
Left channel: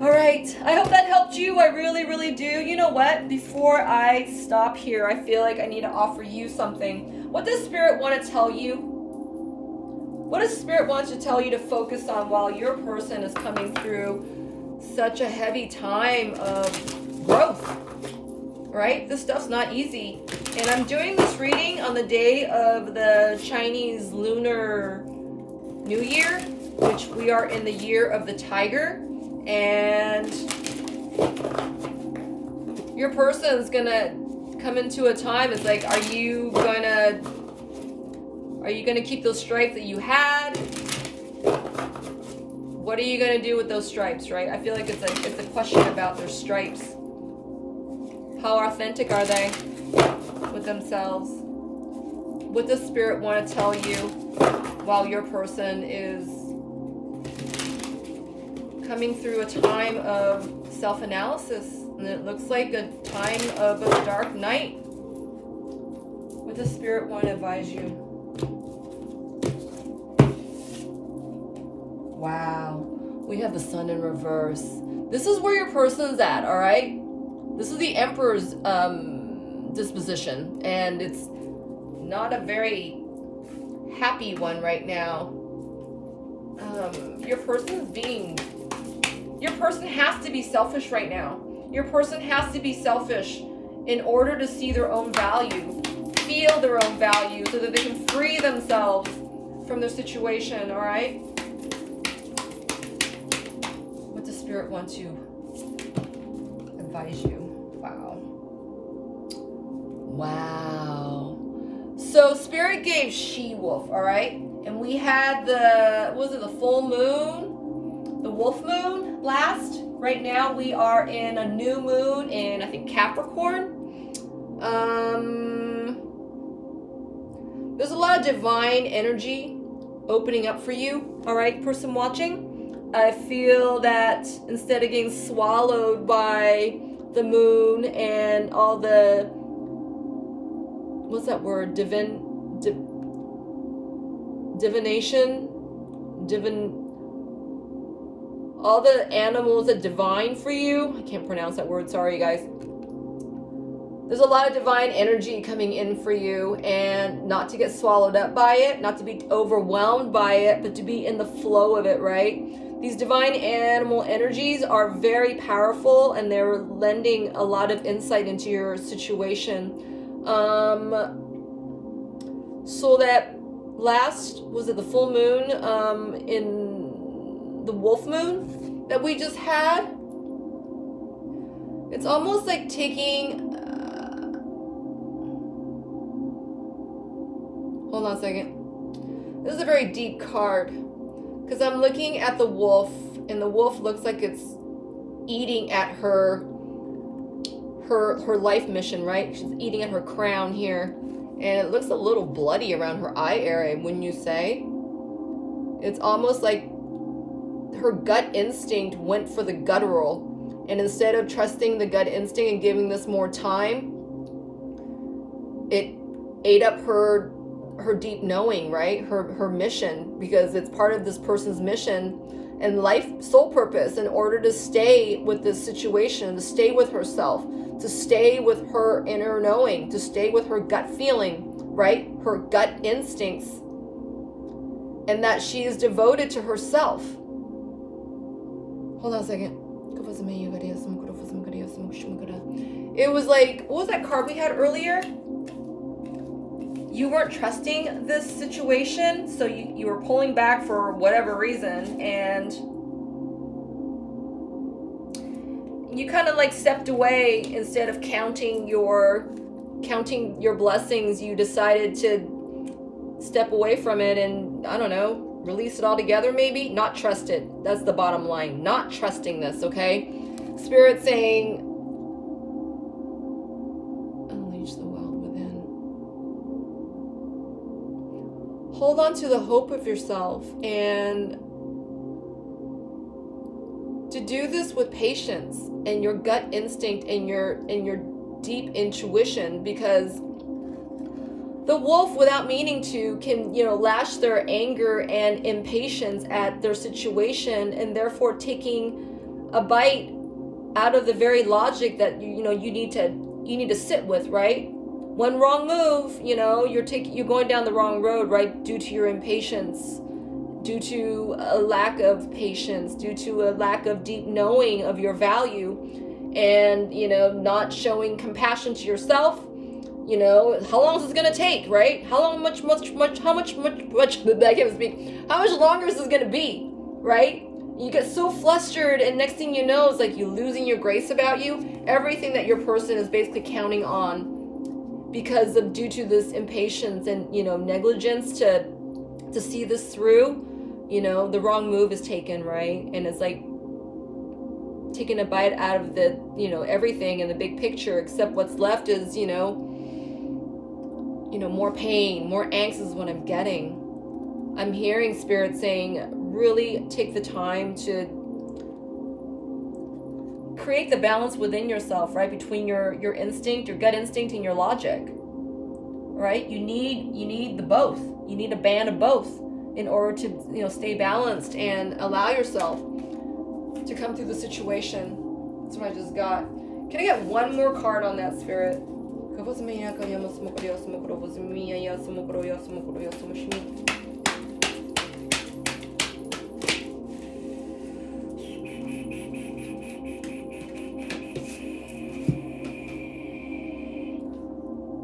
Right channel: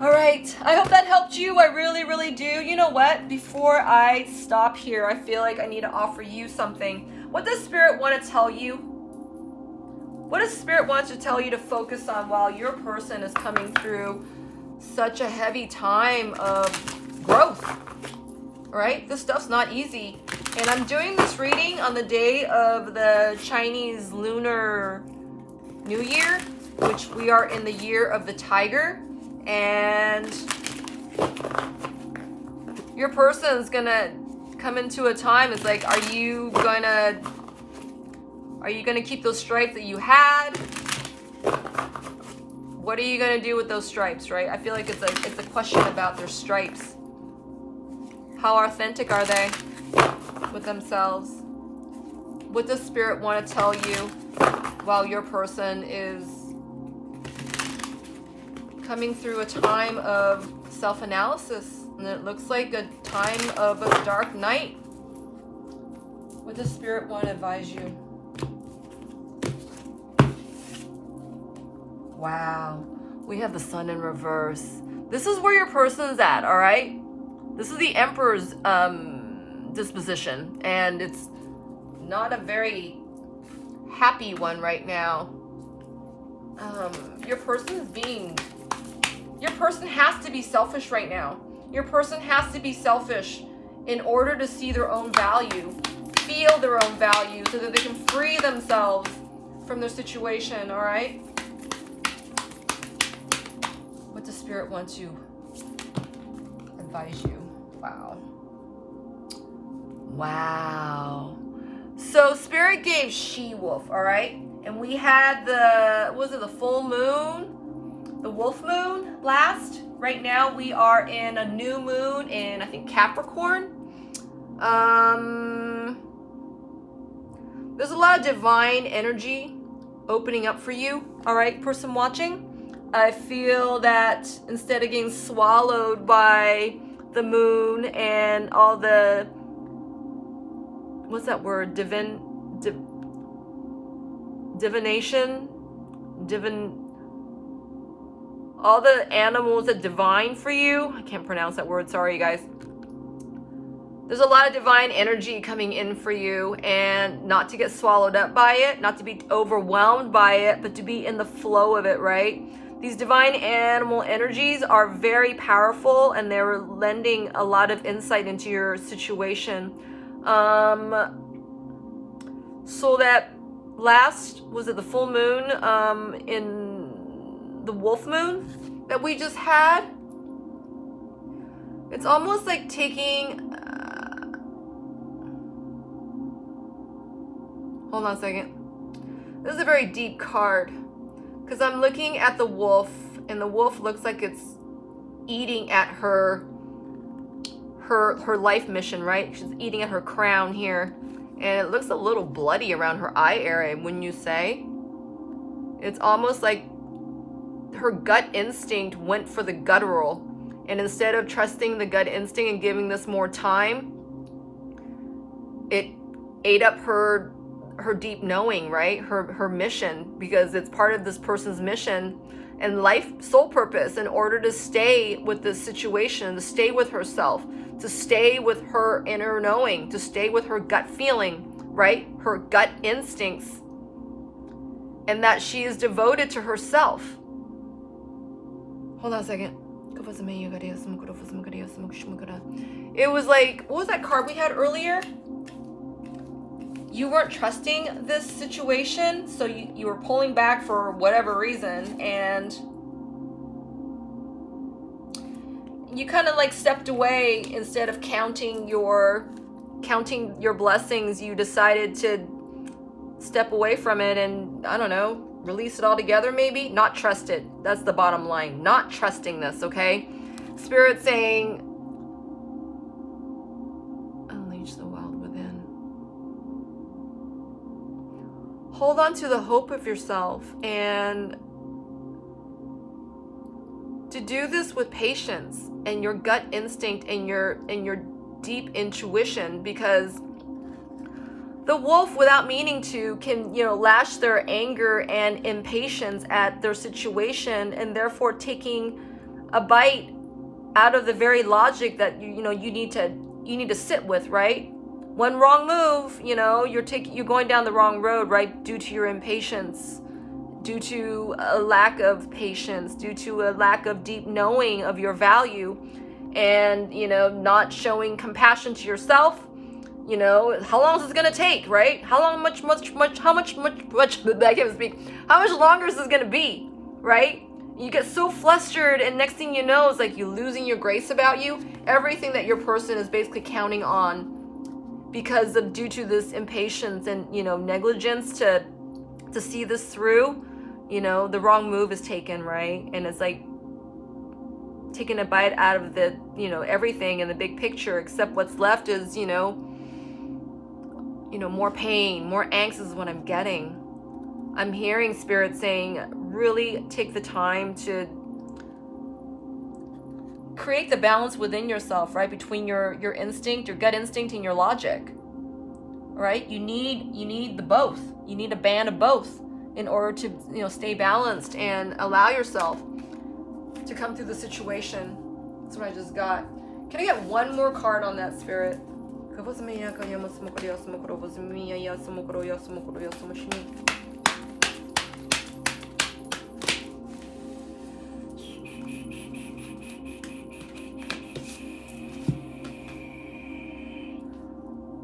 All right, I hope that helped you. I really, really do. You know what? Before I stop here, I feel like I need to offer you something. What does Spirit want to tell you? What does Spirit want to tell you to focus on while your person is coming through such a heavy time of growth? Right? This stuff's not easy. And I'm doing this reading on the day of the Chinese Lunar New Year, which we are in the year of the tiger. And your person's gonna come into a time, it's like, are you gonna keep those stripes that you had? What are you going to do with those stripes, right? I feel like it's a question about their stripes. How authentic are they with themselves? What does Spirit want to tell you while your person is coming through a time of self-analysis? And it looks like a time of a dark night. What does Spirit want to advise you? Wow. We have the Sun in reverse. This is where your person's at, all right? This is the Emperor's disposition. And it's not a very happy one right now. Your person has to be selfish right now. Your person has to be selfish in order to see their own value, feel their own value, so that they can free themselves from their situation, all right? What does Spirit want to advise you? Wow. Wow. So Spirit gave She-Wolf, all right? And we had the full moon, the wolf moon last. Right now we are in a new moon in, I think, Capricorn. There's a lot of divine energy opening up for you, all right, person watching. I feel that instead of getting swallowed by the moon and all the, what's that word? Divination? All the animals that divine for you. I can't pronounce that word. Sorry, you guys. There's a lot of divine energy coming in for you, and not to get swallowed up by it, not to be overwhelmed by it, but to be in the flow of it, right? These divine animal energies are very powerful, and they're lending a lot of insight into your situation. So that last, was it the full moon in the wolf moon that we just had? It's almost like taking hold on a second. This is a very deep card, because I'm looking at the wolf, and the wolf looks like it's eating at her life mission, right? She's eating at her crown here, and it looks a little bloody around her eye area, wouldn't you say? It's almost like her gut instinct went for the guttural, and instead of trusting the gut instinct and giving this more time, it ate up her deep knowing, right? Her mission, because it's part of this person's mission and life soul purpose, in order to stay with this situation, to stay with herself, to stay with her inner knowing, to stay with her gut feeling, right? Her gut instincts, and that she is devoted to herself. Hold on a second. It was like, what was that card we had earlier? You weren't trusting this situation, so you were pulling back for whatever reason, and you kind of like stepped away. Instead of counting your blessings, you decided to step away from it and, I don't know, release it all together, maybe? Not trust it. That's the bottom line. Not trusting this, okay? Spirit saying, unleash the wild within. Hold on to the hope of yourself, and to do this with patience and your gut instinct and your deep intuition, because the wolf, without meaning to, can, lash their anger and impatience at their situation, and therefore taking a bite out of the very logic that you need to sit with, right? One wrong move, you're going down the wrong road, right? Due to your impatience, due to a lack of patience, due to a lack of deep knowing of your value, and not showing compassion to yourself. How long is this gonna take, right? How much longer is this gonna be, right? You get so flustered, and next thing you know, it's like you're losing your grace about you. Everything that your person is basically counting on, because of due to this impatience and negligence to see this through. you know, the wrong move is taken, right? And it's like taking a bite out of the, you know, everything in the big picture, except what's left is, you know, more pain, more angst is what I'm getting. I'm hearing Spirit saying, really take the time to create the balance within yourself, right? Between your instinct, your gut instinct, and your logic, right? You need the both. You need a band of both in order to, you know, stay balanced and allow yourself to come through the situation. That's what I just got. Can I get one more card on that, Spirit?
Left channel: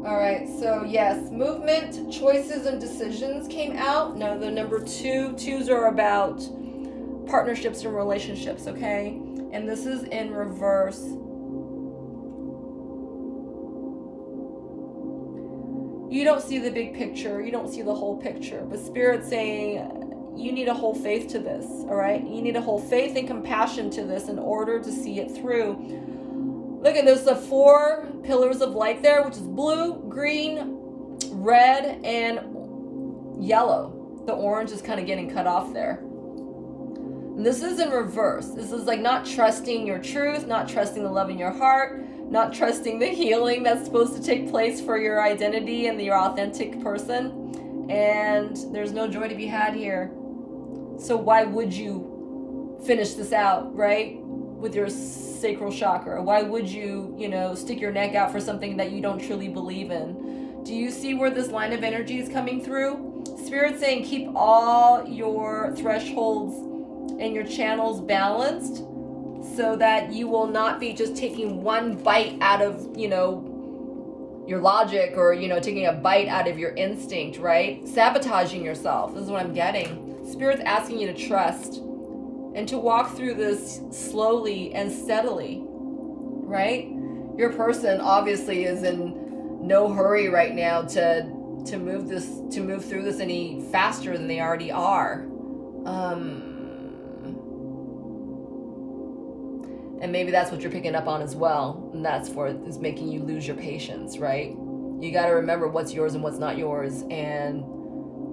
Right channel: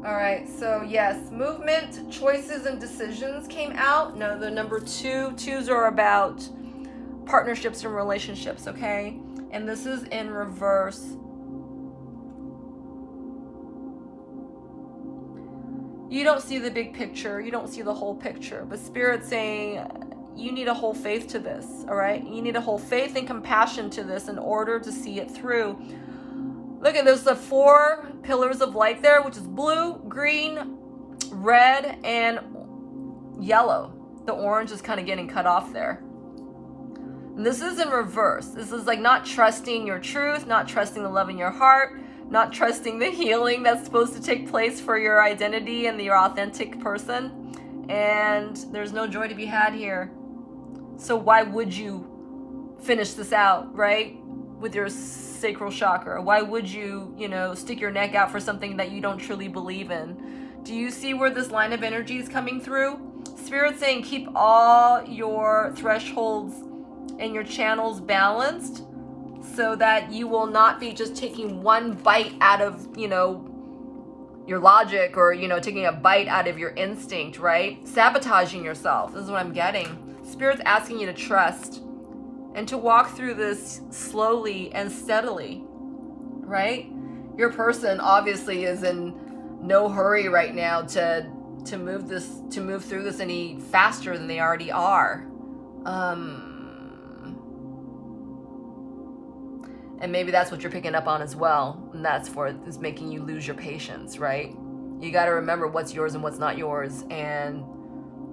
All right, so yes, movement, choices, and decisions came out. Now the number twos are about partnerships and relationships, okay? And this is in reverse. You don't see the big picture. You don't see the whole picture. But Spirit's saying you need a whole faith to this, all right? You need a whole faith and compassion to this in order to see it through. Look at, there's the 4 pillars of light there, which is blue, green, red, and yellow. The orange is kind of getting cut off there. And this is in reverse. This is like not trusting your truth, not trusting the love in your heart, not trusting the healing that's supposed to take place for your identity and your authentic person. And there's no joy to be had here. So why would you finish this out, right? With your sacral chakra? Why would you, you know, stick your neck out for something that you don't truly believe in? Do you see where this line of energy is coming through? Spirit's saying keep all your thresholds and your channels balanced so that you will not be just taking one bite out of, you know, your logic, or, you know, taking a bite out of your instinct, right? Sabotaging yourself. This is what I'm getting. Spirit's asking you to trust and to walk through this slowly and steadily, right? Your person obviously is in no hurry right now to move through this any faster than they already are. And maybe that's what you're picking up on as well. And that's is making you lose your patience, right? You got to remember what's yours and what's not yours, and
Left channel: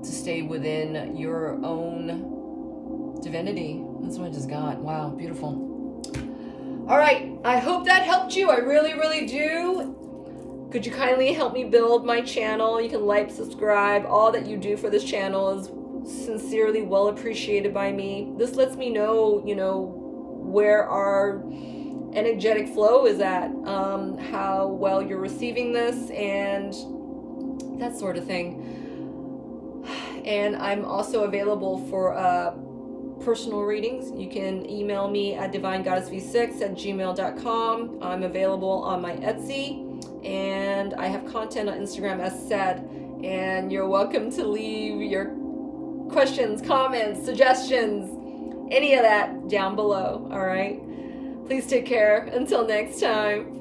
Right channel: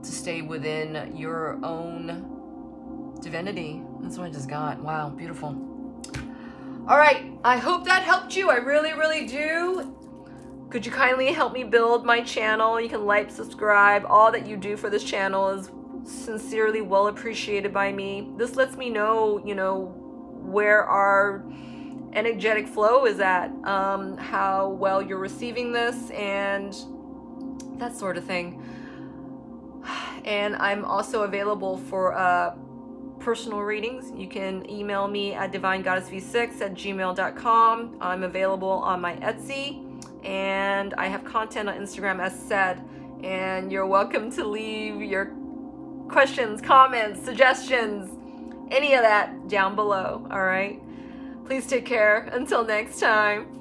to stay within your own divinity. That's what I just got. Wow, beautiful. All right, I hope that helped you. I really, really do. Could you kindly help me build my channel? You can like, subscribe. All that you do for this channel is sincerely well appreciated by me. This lets me know, you know, where our energetic flow is at, how well you're receiving this, and that sort of thing. And I'm also available for personal readings. You can email me at divinegoddessv6@gmail.com. I'm available on my Etsy, and I have content on Instagram as said. And you're welcome to leave your questions, comments, suggestions, any of that down below, all right? Please take care. Until next time.